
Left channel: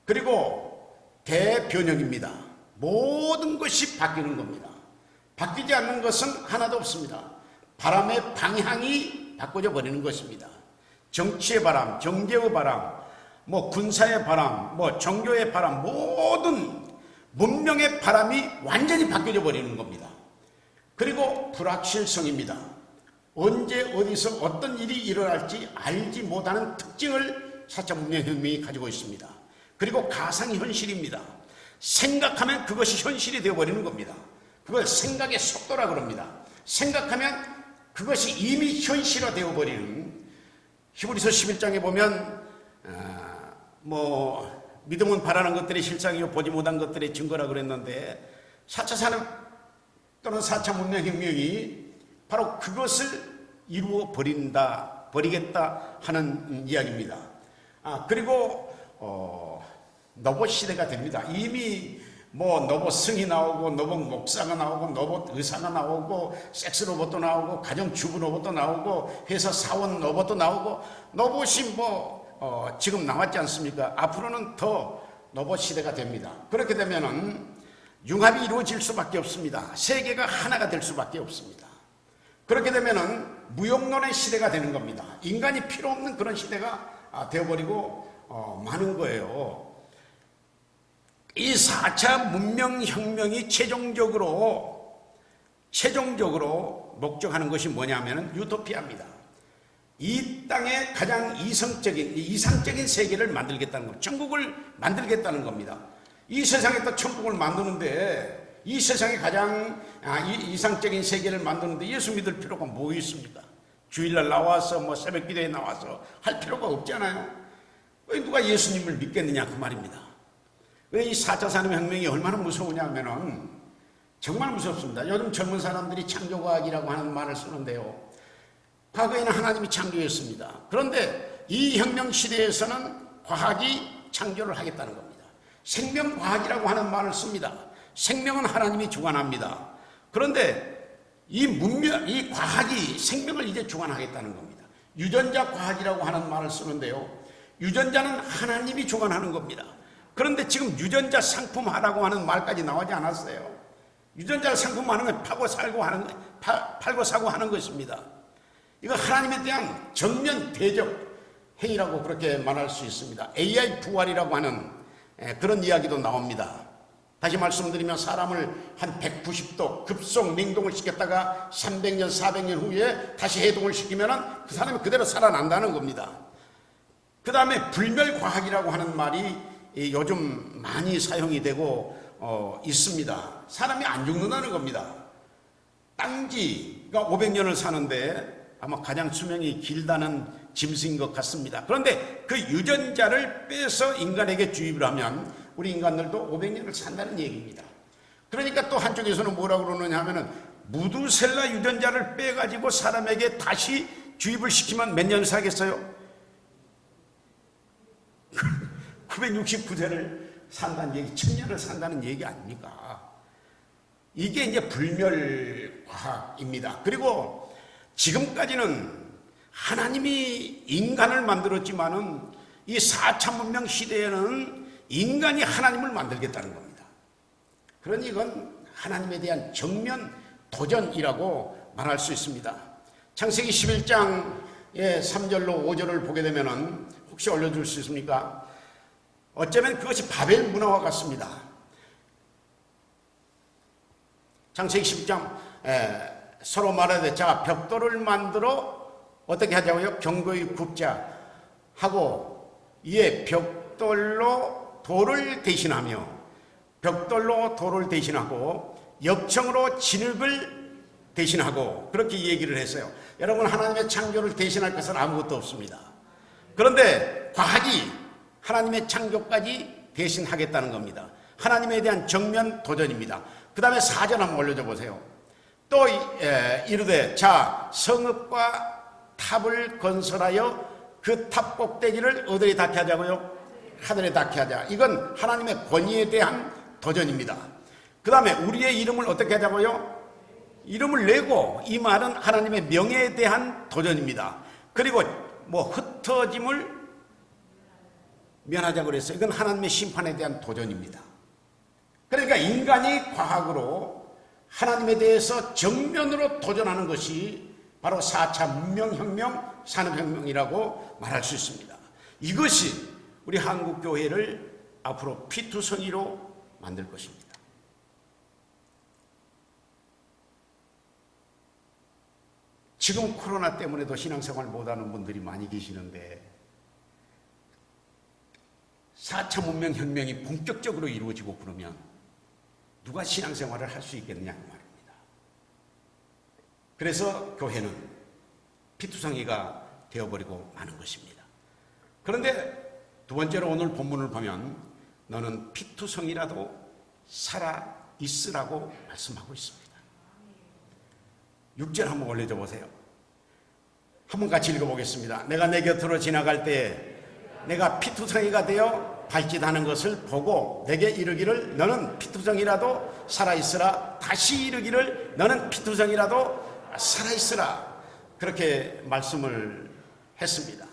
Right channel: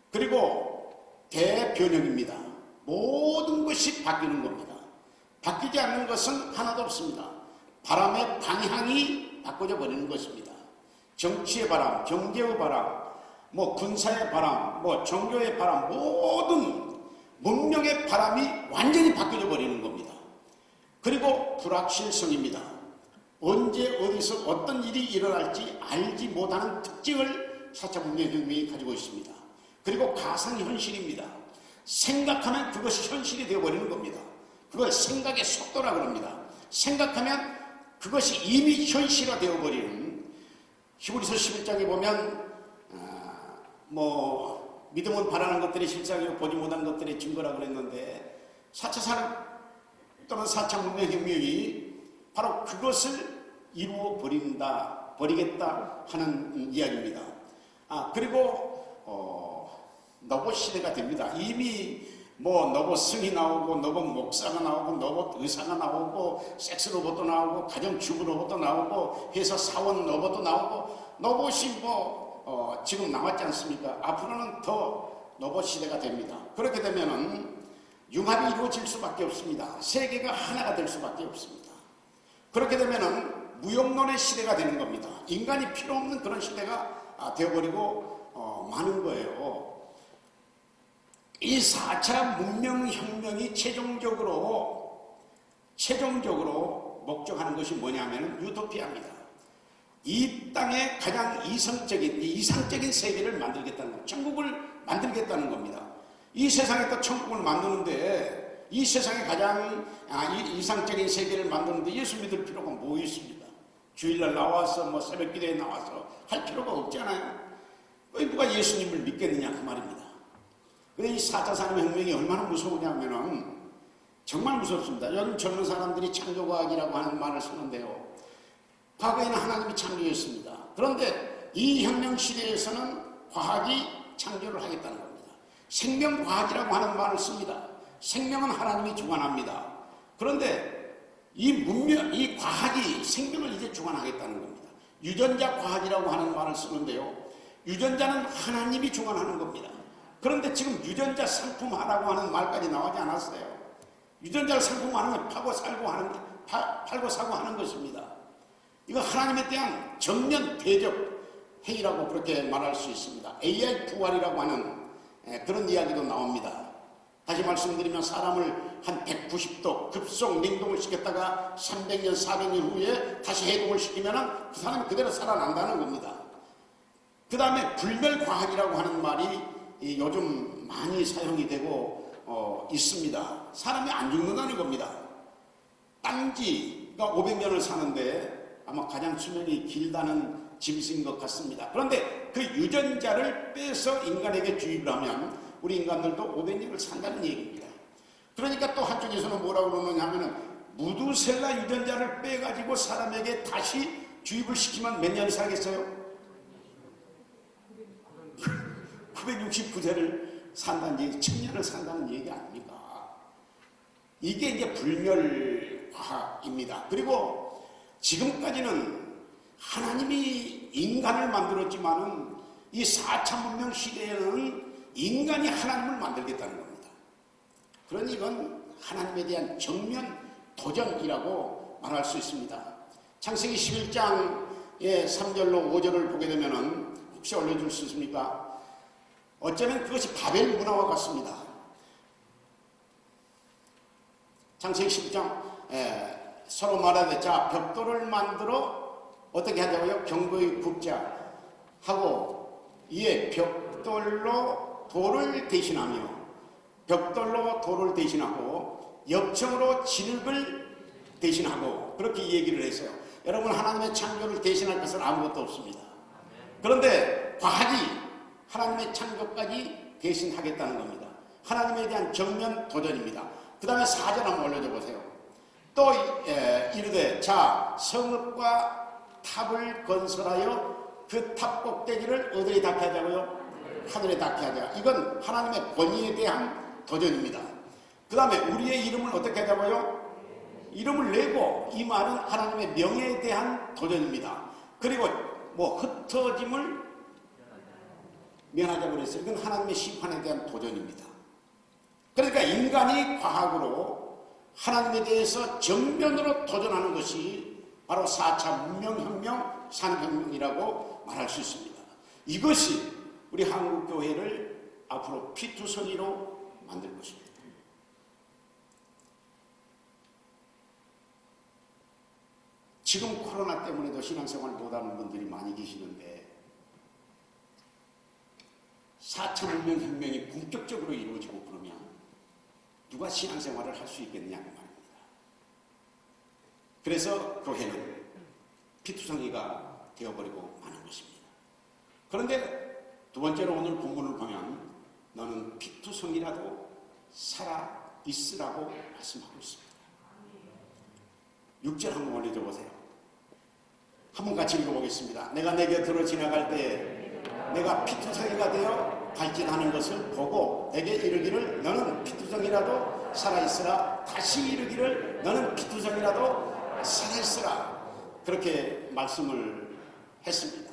그리고 대변혁입니다. 모든 것이 바뀌는 겁니다. 바뀌지 않는 것은 하나도 없습니다. 바람의 방향이 바꿔져 버리는 것입니다. 정치의 바람, 경제의 바람, 군사의 바람, 종교의 바람, 모든 문명의 바람이 완전히 바뀌어 버리는 겁니다. 그리고 불확실성입니다. 언제 어디서 어떤 일이 일어날지 알지 못하는 특징을 4차 문명혁명이 가지고 있습니다. 그리고 가상현실입니다. 생각하면 그것이 현실이 되어버리는 겁니다. 그걸 생각의 속도라 그럽니다. 생각하면 그것이 이미 현실화 되어버리는, 히브리서 11장에 보면 믿음은 바라는 것들이 실상이요 보지 못한 것들의 증거라 그랬는데 4차 산업 또는 4차 문명혁명이 바로 그것을 이루어 버리겠다 하는 이야기입니다. 그리고 로봇 시대가 됩니다. 이미 로봇 승이 나오고 로봇 목사가 나오고 로봇 의사가 나오고 섹스 로봇도 나오고 가정 주부 로봇도 나오고 회사 사원 로봇도 나오고 로봇이 지금 나왔지 않습니까? 앞으로는 더 로봇 시대가 됩니다. 그렇게 되면은 융합이 이루어질 수밖에 없습니다. 세계가 하나가 될 수밖에 없습니다. 그렇게 되면은 무용론의 시대가 되는 겁니다. 인간이 필요 없는 그런 시대가 되어버리고 마는 거예요. 이 4차 문명혁명이 최종적으로 목적하는 것이 뭐냐면 유토피아입니다. 이 땅에 가장 이상적인 세계를 만들겠다는 겁니다. 천국을 만들겠다는 겁니다. 이 세상에서 천국을 만드는데 이 세상에 가장 이상적인 세계를 만드는데 예수 믿을 필요가 뭐 있습니까? 주일날 나와서 새벽 기도에 나와서 할 필요가 없잖아요. 누가 예수님을 믿겠느냐 그 말입니다. 왜 이 4차 산업혁명이 얼마나 무서우냐면은 정말 무섭습니다. 요즘 젊은 사람들이 창조과학이라고 하는 말을 쓰는데요. 과거에는 하나님이 창조했습니다. 그런데 이 혁명 시대에서는 과학이 창조를 하겠다는 겁니다. 생명과학이라고 하는 말을 씁니다. 생명은 하나님이 주관합니다. 그런데 이 과학이 생명을 이제 주관하겠다는 겁니다. 유전자 과학이라고 하는 말을 쓰는데요. 유전자는 하나님이 주관하는 겁니다. 그런데 지금 유전자 상품화라고 하는 말까지 나오지 않았어요. 유전자 상품화하는 건 팔고 사고 하는 것입니다. 이거 하나님에 대한 전면 대적 행위라고 그렇게 말할 수 있습니다. AI 부활이라고 하는 그런 이야기도 나옵니다. 다시 말씀드리면 사람을 한 190도 급속 냉동을 시켰다가 300년, 400년 후에 다시 해동을 시키면 그 사람이 그대로 살아난다는 겁니다. 그 다음에 불멸과학이라고 하는 말이 요즘 많이 사용이 되고 있습니다. 사람이 안 죽는다는 겁니다. 땅쥐가 500년을 사는데 아마 가장 수명이 길다는 짐승인 것 같습니다. 그런데 그 유전자를 빼서 인간에게 주입을 하면 우리 인간들도 500년을 산다는 얘기입니다. 그러니까 또 한쪽에서는 뭐라고 그러느냐 하면은 무두셀라 유전자를 빼가지고 사람에게 다시 주입을 시키면 몇 년 살겠어요? 969세를 산다는 얘기, 1000년을 산다는 얘기 아닙니까? 이게 이제 불멸과학입니다. 그리고 지금까지는 하나님이 인간을 만들었지만은 이 4차 문명 시대에는 인간이 하나님을 만들겠다는 겁니다. 그러니 이건 하나님에 대한 정면 도전이라고 말할 수 있습니다. 창세기 11장의 3절로 5절을 보게 되면은 혹시 올려줄 수 있습니까? 어쩌면 그것이 바벨 문화와 같습니다. 창세기 10장 서로 말하되 자 벽돌을 만들어 어떻게 하자고요? 견고히 굽자 하고 이에 벽돌로 돌을 대신하고 역청으로 진흙을 대신하고 그렇게 얘기를 했어요. 여러분 하나님의 창조를 대신할 것은 아무것도 없습니다. 그런데 과학이 하나님의 창조까지 대신하겠다는 겁니다. 하나님에 대한 정면 도전입니다. 그 다음에 4절 한번 올려줘 보세요. 또 이르되 자 성읍과 탑을 건설하여 그 탑 꼭대기를 어디에 닿게 하자고요? 하늘에 닿게 하자. 이건 하나님의 권위에 대한 도전입니다. 그 다음에 우리의 이름을 어떻게 하자고요? 이름을 내고, 이 말은 하나님의 명예에 대한 도전입니다. 그리고 뭐 흩어짐을 면하자고 그랬어요. 이건 하나님의 심판에 대한 도전입니다. 그러니까 인간이 과학으로 하나님에 대해서 정면으로 도전하는 것이 바로 4차 문명혁명, 산업혁명이라고 말할 수 있습니다. 이것이 우리 한국교회를 앞으로 피투성이로 만들 것입니다. 지금 코로나 때문에도 신앙생활을 못하는 분들이 많이 계시는데 4차 문명혁명이 본격적으로 이루어지고 그러면 누가 신앙생활을 할 수 있겠느냐 말입니다. 그래서 교회는 피투성이가 되어버리고 마는 것입니다. 그런데 두 번째로 오늘 본문을 보면 너는 피투성이라도 살아있으라고 말씀하고 있습니다. 6절 한번 올려줘 보세요. 한번 같이 읽어보겠습니다. 내가 내 곁으로 지나갈 때 내가 피투성이가 되어 발짓하는 것을 보고 내게 이르기를 너는 피투성이라도 살아있으라. 다시 이르기를 너는 피투성이라도 살아있으라. 그렇게 말씀을 했습니다.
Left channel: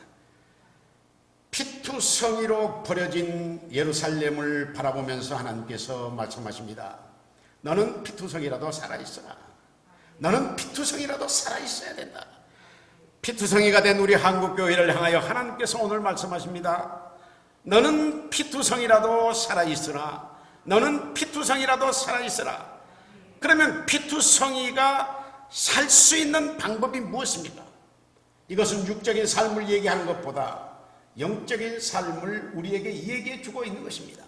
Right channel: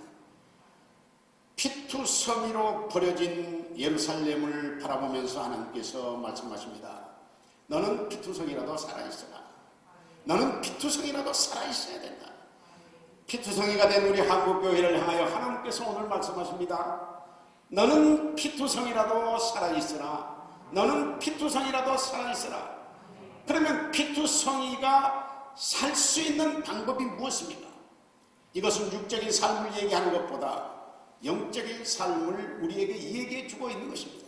피투성이로 버려진 예루살렘을 바라보면서 하나님께서 말씀하십니다. 너는 피투성이라도 살아있으라. 너는 피투성이라도 살아있어야 된다. 피투성이가 된 우리 한국교회를 향하여 하나님께서 오늘 말씀하십니다. 너는 피투성이라도 살아있으라. 너는 피투성이라도 살아있으라. 그러면 피투성이가 살 수 있는 방법이 무엇입니까? 이것은 육적인 삶을 얘기하는 것보다 영적인 삶을 우리에게 얘기해 주고 있는 것입니다.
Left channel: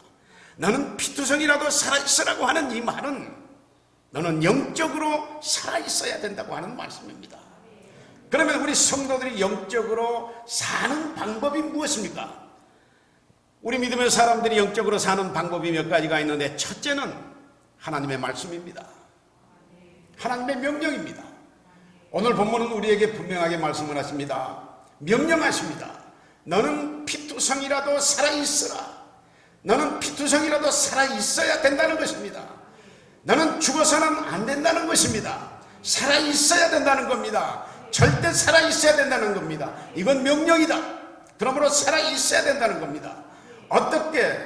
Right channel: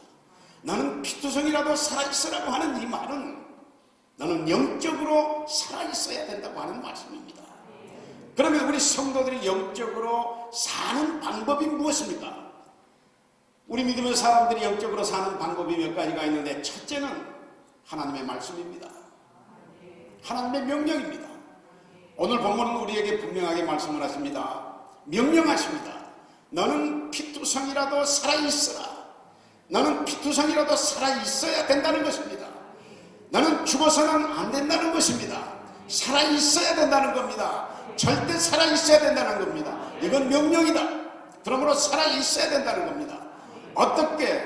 너는 피투성이라도 살아있으라고 하는 이 말은 너는 영적으로 살아있어야 된다고 하는 말씀입니다. 그러면 우리 성도들이 영적으로 사는 방법이 무엇입니까? 우리 믿음의 사람들이 영적으로 사는 방법이 몇 가지가 있는데 첫째는 하나님의 말씀입니다. 하나님의 명령입니다. 오늘 본문은 우리에게 분명하게 말씀을 하십니다. 명령하십니다. 너는 피투성이라도 살아있으라. 너는 피투성이라도 살아있어야 된다는 것입니다. 너는 죽어서는 안 된다는 것입니다. 살아있어야 된다는 겁니다. 절대 살아있어야 된다는 겁니다. 이건 명령이다. 그러므로 살아있어야 된다는 겁니다. 어떻게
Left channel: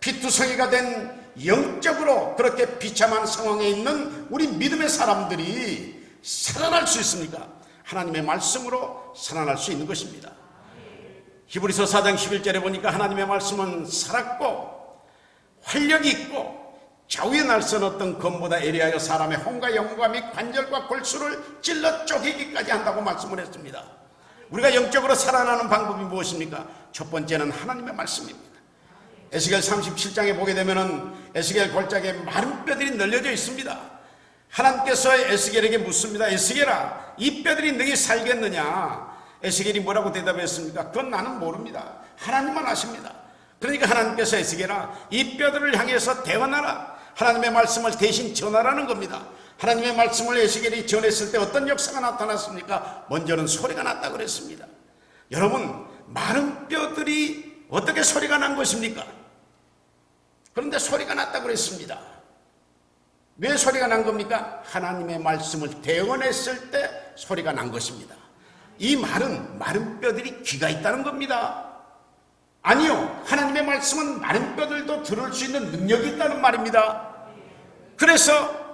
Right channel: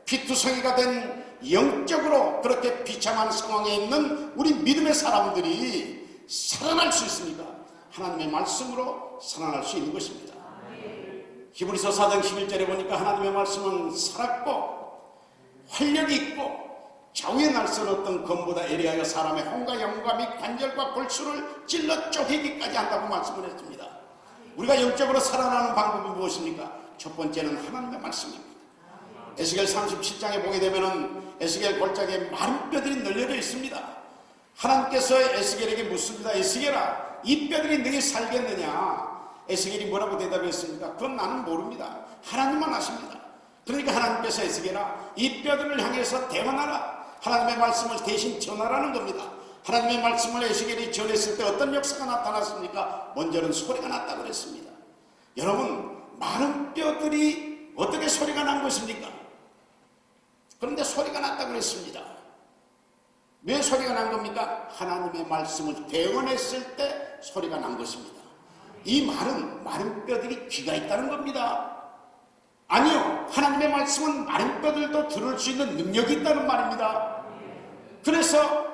피투성이가 된 영적으로 그렇게 비참한 상황에 있는 우리 믿음의 사람들이 살아날 수 있습니까? 하나님의 말씀으로 살아날 수 있는 것입니다. 히브리서 4장 11절에 보니까 하나님의 말씀은 살았고 활력이 있고 좌우에 날선 것보다 예리하여 사람의 혼과 영과 및 관절과 골수를 찔러 쪼개기까지 한다고 말씀을 했습니다. 우리가 영적으로 살아나는 방법이 무엇입니까? 첫 번째는 하나님의 말씀입니다. 에스겔 37장에 보게 되면 에스겔 골짜기에 많은 뼈들이 널려져 있습니다. 하나님께서 에스겔에게 묻습니다. 에스겔아, 이 뼈들이 너희 살겠느냐? 에스겔이 뭐라고 대답했습니까? 그건 나는 모릅니다. 하나님만 아십니다. 그러니까 하나님께서 에스겔아, 이 뼈들을 향해서 대언하라. 하나님의 말씀을 대신 전하라는 겁니다. 하나님의 말씀을 에스겔이 전했을 때 어떤 역사가 나타났습니까? 먼저는 소리가 났다고 그랬습니다. 여러분, 마른 뼈들이 어떻게 소리가 난 것입니까? 그런데 소리가 났다고 그랬습니다. 왜 소리가 난 겁니까? 하나님의 말씀을 대언했을 때 소리가 난 것입니다. 이 말은 마른 뼈들이 귀가 있다는 겁니다. 아니요, 하나님의 말씀은 마른 뼈들도 들을 수 있는 능력이 있다는 말입니다. 그래서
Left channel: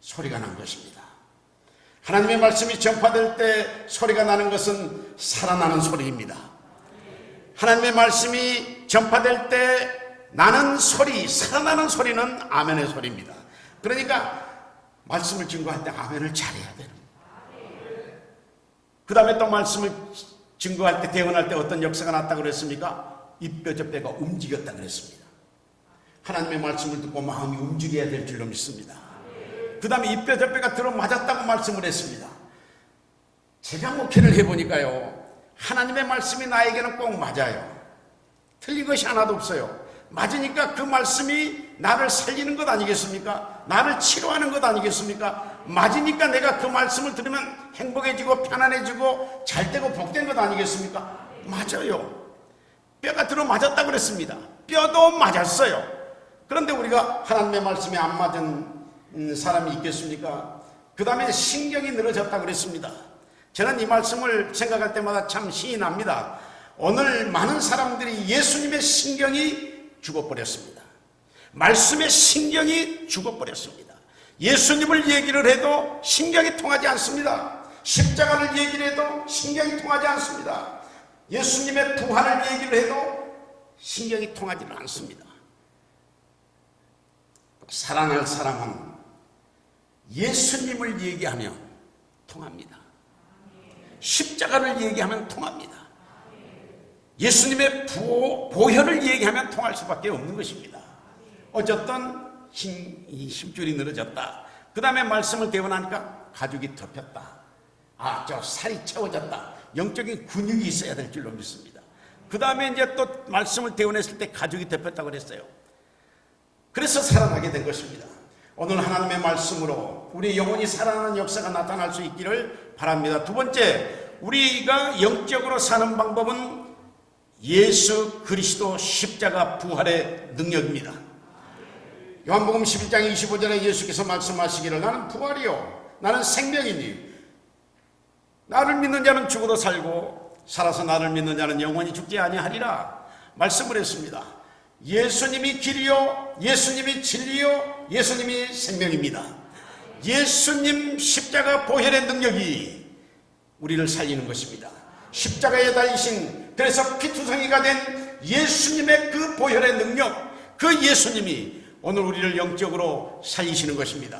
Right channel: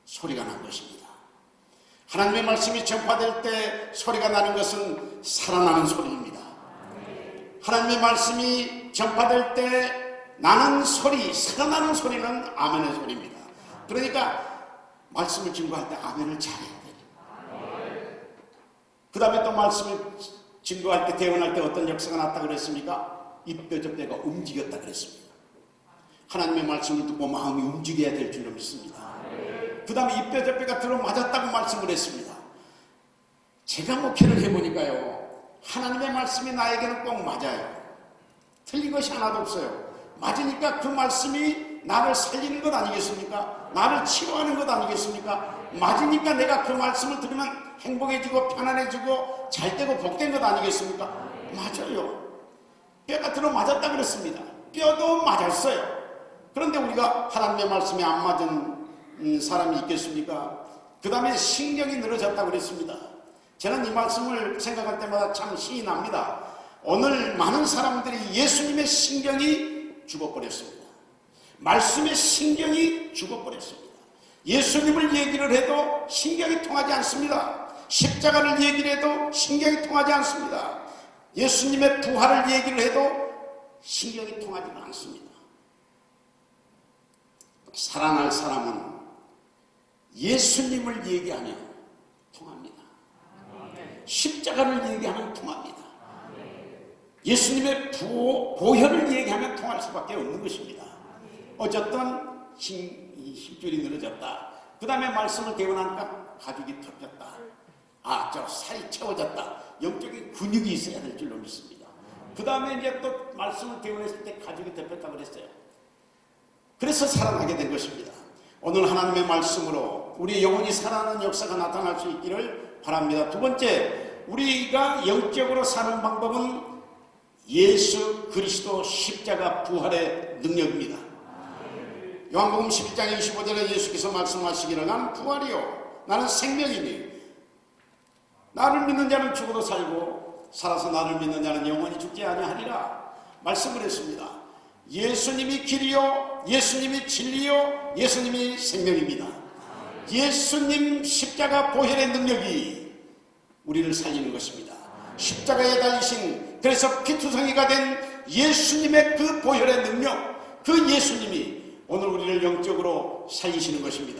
소리가 나는 것입니다. 하나님의 말씀이 전파될 때 소리가 나는 것은 살아나는 소리입니다. 하나님의 말씀이 전파될 때 나는 소리, 살아나는 소리는 아멘의 소리입니다. 그러니까 말씀을 증거할 때 아멘을 잘해야 돼요. 그 다음에 또 말씀을 증거할 때, 대언할 때 어떤 역사가 났다고 그랬습니까? 이 뼈 저 뼈가 움직였다고 그랬습니다. 하나님의 말씀을 듣고 마음이 움직여야 될 줄을 믿습니다. 그 다음에 이 뼈 저 뼈가 들어맞았다고 말씀을 했습니다. 제가 목회를 해보니까요, 하나님의 말씀이 나에게는 꼭 맞아요. 틀린 것이 하나도 없어요. 맞으니까 그 말씀이 나를 살리는 것 아니겠습니까? 나를 치료하는 것 아니겠습니까? 맞으니까 내가 그 말씀을 들으면 행복해지고 편안해지고 잘되고 복된 것 아니겠습니까? 맞아요. 뼈가 들어 맞았다 그랬습니다. 뼈도 맞았어요. 그런데 우리가 하나님의 말씀에 안 맞은 사람이 있겠습니까? 그 다음에 신경이 늘어졌다 그랬습니다. 저는 이 말씀을 생각할 때마다 참 신이 납니다. 오늘 많은 사람들이 예수님의 신경이 죽어버렸습니다. 말씀의 신경이 죽어버렸습니다. 예수님을 얘기를 해도 신경이 통하지 않습니다. 십자가를 얘기를 해도 신경이 통하지 않습니다. 예수님의 부활을 얘기를 해도 신경이 통하지는 않습니다. 사랑할 사람은 예수님을 얘기하면 통합니다. 십자가를 얘기하면 통합니다. 예수님의 보혈을 얘기하면 통할 수밖에 없는 것입니다. 어쨌든 힘줄이 늘어졌다. 그 다음에 말씀을 대원하니까 가죽이 덮였다. 저 살이 채워졌다. 영적인 근육이 있어야 될 줄로 믿습니다. 그 다음에 이제 또 말씀을 대원했을 때 가죽이 덮였다고 그랬어요. 그래서 살아나게 된 것입니다. 오늘 하나님의 말씀으로 우리 영혼이 살아나는 역사가 나타날 수 있기를 바랍니다. 두 번째, 우리가 영적으로 사는 방법은 예수 그리스도 십자가 부활의 능력입니다. 요한복음 10장 25절에 예수께서 말씀하시기를 나는 부활이요 나는 생명이니 나를 믿는 자는 죽어도 살고 살아서 나를 믿는 자는 영원히 죽지 아니하리라 말씀을 했습니다. 예수님이 길이요 예수님이 진리요 예수님이 생명입니다. 예수님 십자가 보혈의 능력이 우리를 살리는 것입니다. 십자가에 달리신 그래서 피투성이가 된 예수님의 그 보혈의 능력, 그 예수님이 오늘 우리를 영적으로 살리시는 것입니다.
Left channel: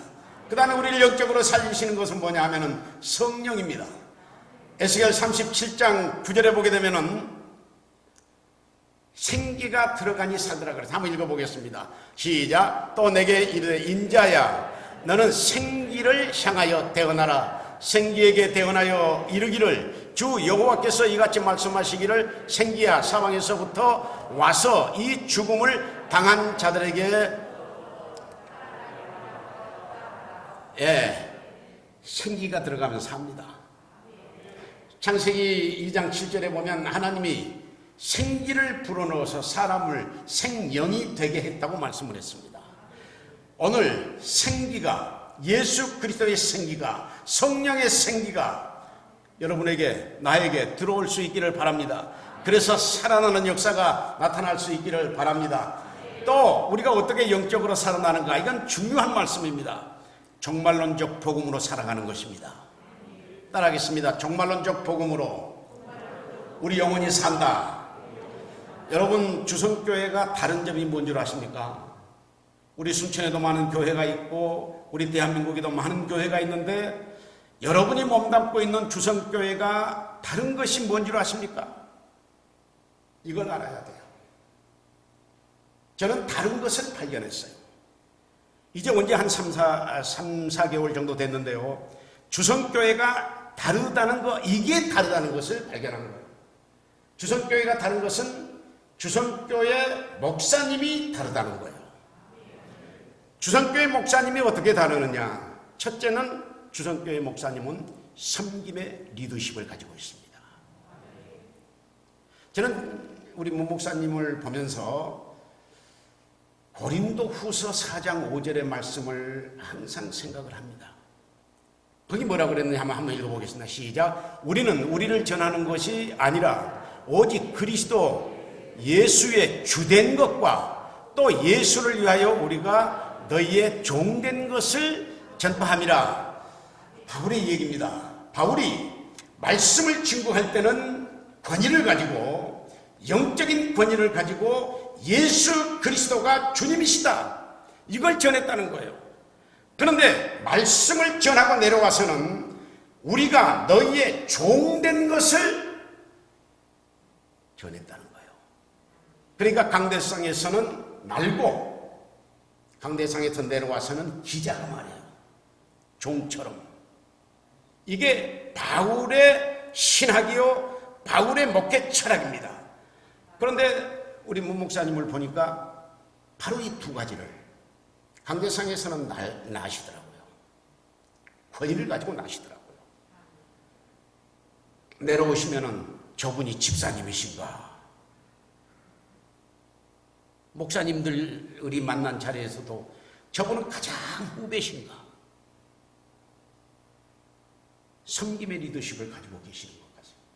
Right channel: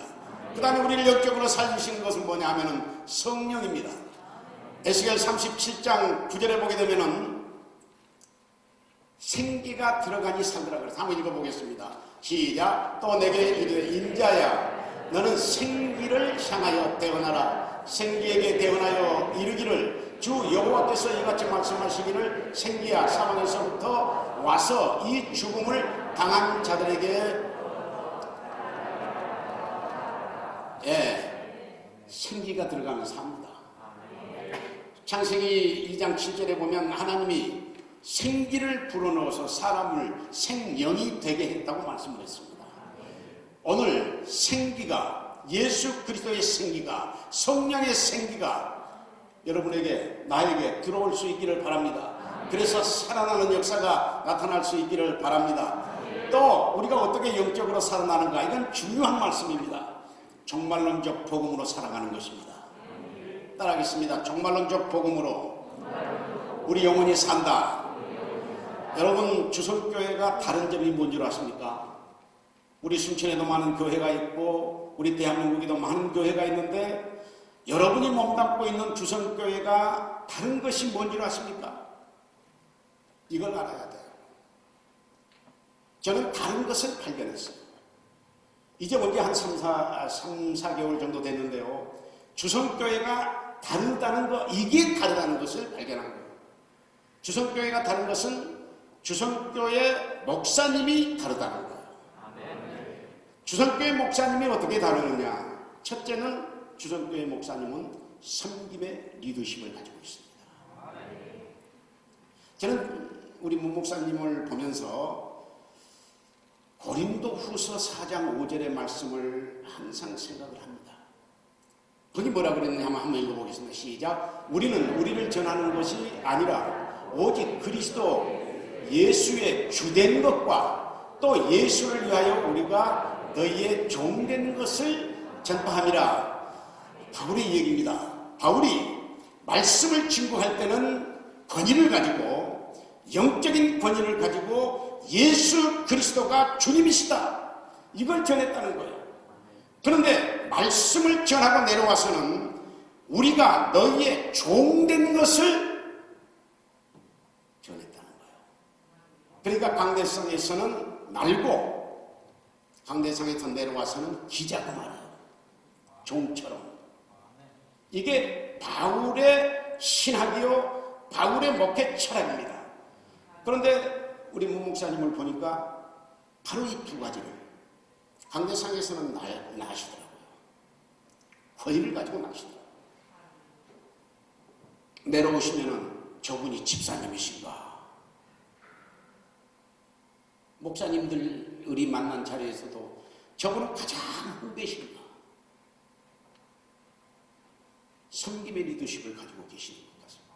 그 다음에 우리를 영적으로 살리시는 것은 뭐냐 하면은 성령입니다. 에스겔 37장 9절에 보게 되면은 생기가 들어가니 살더라 그래서 한번 읽어보겠습니다. 시작. 또 내게 이르되 인자야 너는 생기를 향하여 대언하라. 생기에게 대언하여 이르기를 주 여호와께서 이같이 말씀하시기를 생기야 사방에서부터 와서 이 죽음을 당한 자들에게 생기가 들어가면 삽니다. 창세기 2장 7절에 보면 하나님이 생기를 불어넣어서 사람을 생명이 되게 했다고 말씀을 했습니다. 오늘 생기가 예수 그리스도의 생기가 성령의 생기가 여러분에게 나에게 들어올 수 있기를 바랍니다. 그래서 살아나는 역사가 나타날 수 있기를 바랍니다. 또 우리가 어떻게 영적으로 살아나는가 이건 중요한 말씀입니다. 종말론적 복음으로 살아가는 것입니다. 따라하겠습니다. 종말론적 복음으로 우리 영혼이 산다. 여러분 주선교회가 다른 점이 뭔지 아십니까? 우리 순천에도 많은 교회가 있고 우리 대한민국에도 많은 교회가 있는데 여러분이 몸담고 있는 주선교회가 다른 것이 뭔지 아십니까? 이걸 알아야 돼요. 저는 다른 것을 발견했어요. 이제 언제 한 3, 4개월 정도 됐는데요. 주선교회가 다르다는 거, 이게 다르다는 것을 발견하는 거예요. 주선교회가 다른 것은 주선교회 목사님이 다르다는 거예요. 주선교회 목사님이 어떻게 다르느냐? 첫째는 주선교회 목사님은 섬김의 리더십을 가지고 있습니다. 저는 우리 문 목사님을 보면서 고린도 후서 4장 5절의 말씀을 항상 생각을 합니다. 거기 뭐라고 그랬느냐 한번 읽어보겠습니다. 시작. 우리는 우리를 전하는 것이 아니라 오직 그리스도 예수의 주된 것과 또 예수를 위하여 우리가 너희의 종된 것을 전파함이라. 바울의 얘기입니다. 바울이 말씀을 증거할 때는 권위를 가지고 영적인 권위를 가지고 예수 그리스도가 주님이시다 이걸 전했다는 거예요. 그런데 말씀을 전하고 내려와서는 우리가 너희의 종된 것을 전했다는 거예요. 그러니까 강대상에서는 날고 강대상에서 내려와서는 기자가 말이에요. 종처럼. 이게 바울의 신학이요 바울의 목회 철학입니다. 그런데 우리 문 목사님을 보니까 바로 이 두 가지를 강대상에서는 나시더라고요. 권위를 가지고 나시더라고요. 내려오시면은 저분이 집사님이신가? 목사님들 우리 만난 자리에서도 저분은 가장 후배신가? 섬김의 리더십을 가지고 계시는 것 같습니다.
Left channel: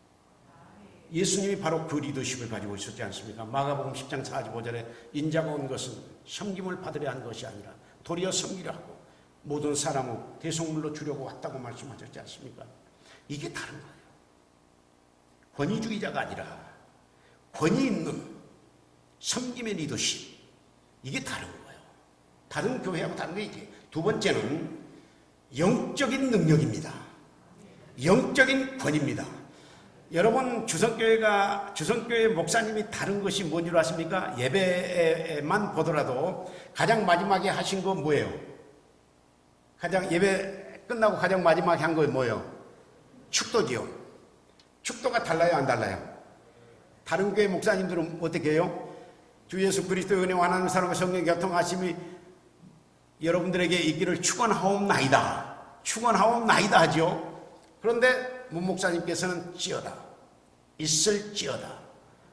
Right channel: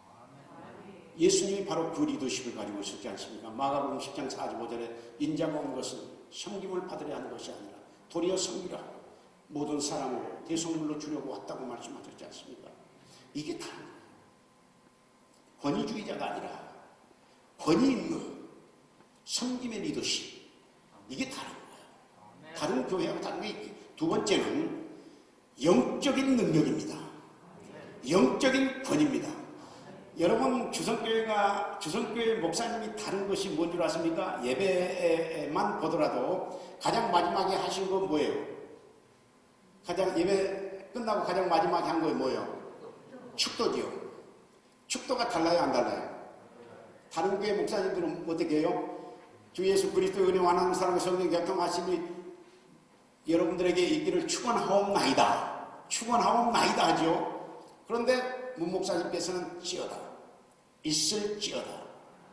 예수님이 바로 그 리더십을 가지고 있었지 않습니까? 마가복음 10장 45절에 인자가 온 것은 섬김을 받으려 하는 것이 아니라 도리어 섬기라고 모든 사람을 대속물로 주려고 왔다고 말씀하셨지 않습니까? 이게 다른 거예요. 권위주의자가 아니라 권위 있는 섬김의 리더십, 이게 다른 거예요. 다른 교회하고 다르게. 두 번째는 영적인 능력입니다. 영적인 권위입니다. 여러분, 주성교회 목사님이 다른 것이 뭔 줄 아십니까? 예배만 보더라도 가장 마지막에 하신 건 뭐예요? 예배 끝나고 가장 마지막에 한 건 뭐예요? 축도지요. 축도가 달라요, 안 달라요? 다른 교회 목사님들은 어떻게 해요? 주 예수 그리스도의 은혜와 하나님 사랑과 성령의 교통하심이 여러분들에게 있기를 축원하옵나이다. 축원하옵나이다 하죠. 그런데 문 목사님께서는 찌어라. 있을지어다.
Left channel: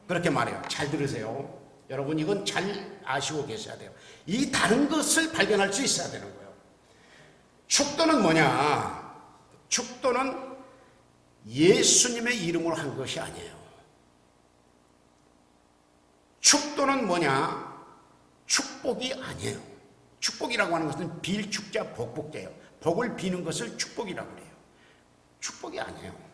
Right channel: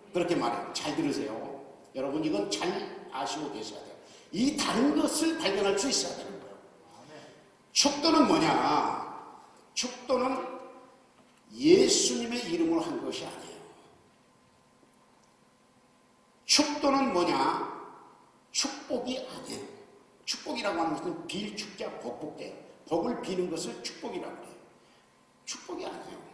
그렇게 말해요. 잘 들으세요. 여러분, 이건 잘 아시고 계셔야 돼요. 이 다른 것을 발견할 수 있어야 되는 거예요. 축도는 뭐냐? 축도는 예수님의 이름으로 한 것이 아니에요. 축도는 뭐냐? 축복이 아니에요. 축복이라고 하는 것은 빌축자 복복자예요. 복을 비는 것을 축복이라고 해요. 축복이 아니에요.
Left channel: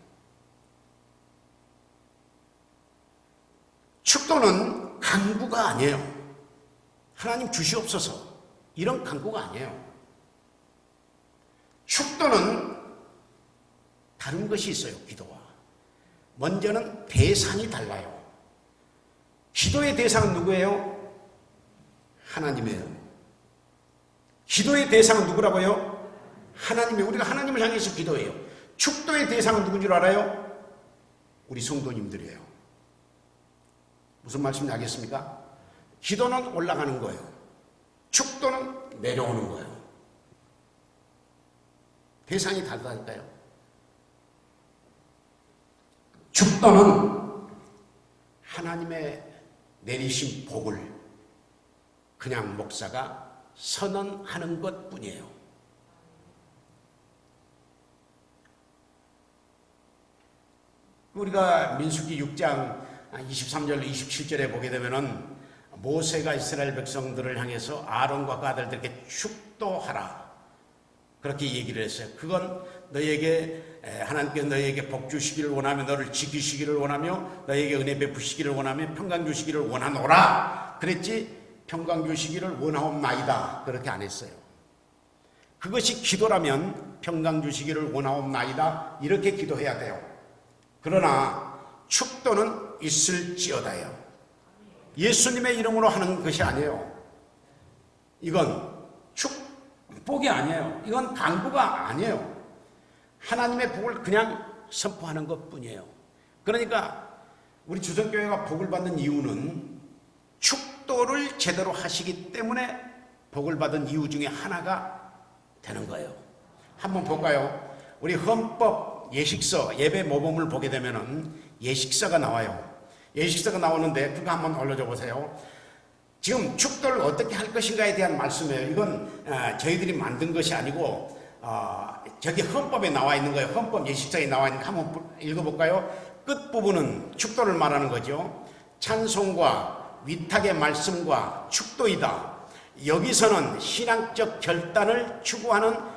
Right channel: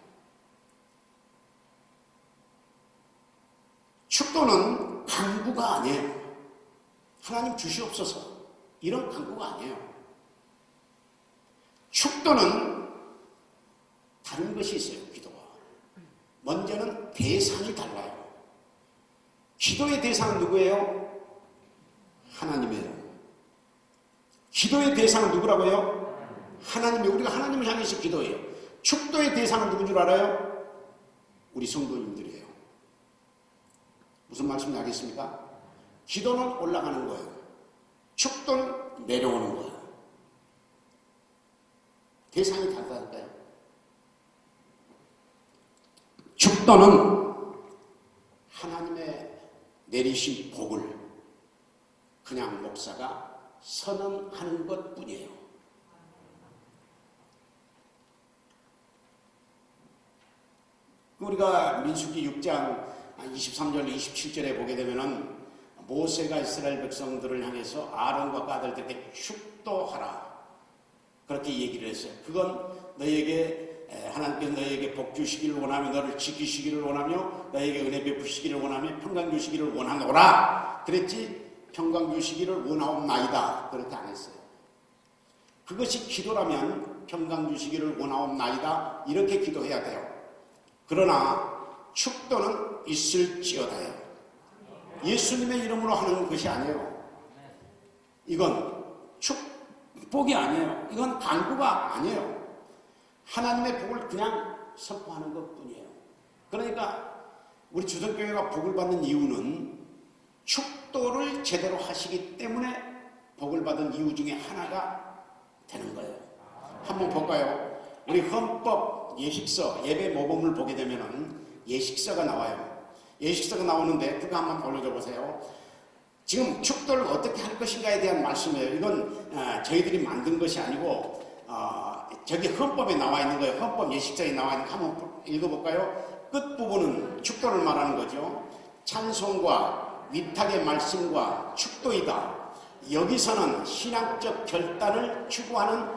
축도는 간구가 아니에요. 하나님 주시옵소서, 이런 간구가 아니에요. 축도는 다른 것이 있어요. 기도와 먼저는 대상이 달라요. 기도의 대상은 누구예요? 하나님이에요. 기도의 대상은 누구라고요? 하나님이에요. 우리가 하나님을 향해서 기도해요. 축도의 대상은 누구인 줄 알아요? 우리 성도님들이에요. 무슨 말씀인지 알겠습니까? 기도는 올라가는 거예요. 축도는 내려오는 거예요. 대상이 다르다니까요. 축도는 하나님의 내리신 복을 그냥 목사가 선언하는 것 뿐이에요. 우리가 민수기 6장 23절 27절에 보게 되면은 모세가 이스라엘 백성들을 향해서 아론과 그 아들들에게 축도하라, 그렇게 얘기를 했어요. 그건 너에게 하나님께서 너에게 복 주시기를 원하며 너를 지키시기를 원하며 너에게 은혜 베푸시기를 원하며 평강 주시기를 원하노라 그랬지, 평강 주시기를 원하옵나이다 그렇게 안 했어요. 그것이 기도라면 평강 주시기를 원하옵나이다 이렇게 기도해야 돼요. 그러나 축도는 있을지어다요. 예수님의 이름으로 하는 것이 아니에요. 이건 축복이 아니에요. 이건 간구가 아니에요. 하나님의 복을 그냥 선포하는 것 뿐이에요. 그러니까 우리 주정교회가 복을 받는 이유는 축도를 제대로 하시기 때문에 복을 받은 이유 중에 하나가 되는 거예요. 한번 볼까요? 우리 헌법 예식서 예배 모범을 보게 되면은 예식서가 나와요. 예식서가 나오는데 그거 한번 올려줘 보세요. 지금 축도를 어떻게 할 것인가에 대한 말씀이에요. 이건 저희들이 만든 것이 아니고 저기 헌법에 나와 있는 거예요. 헌법 예식서에 나와 있는 거 한번 읽어볼까요? 끝부분은 축도를 말하는 거죠. 찬송과 위탁의 말씀과 축도이다. 여기서는 신앙적 결단을 추구하는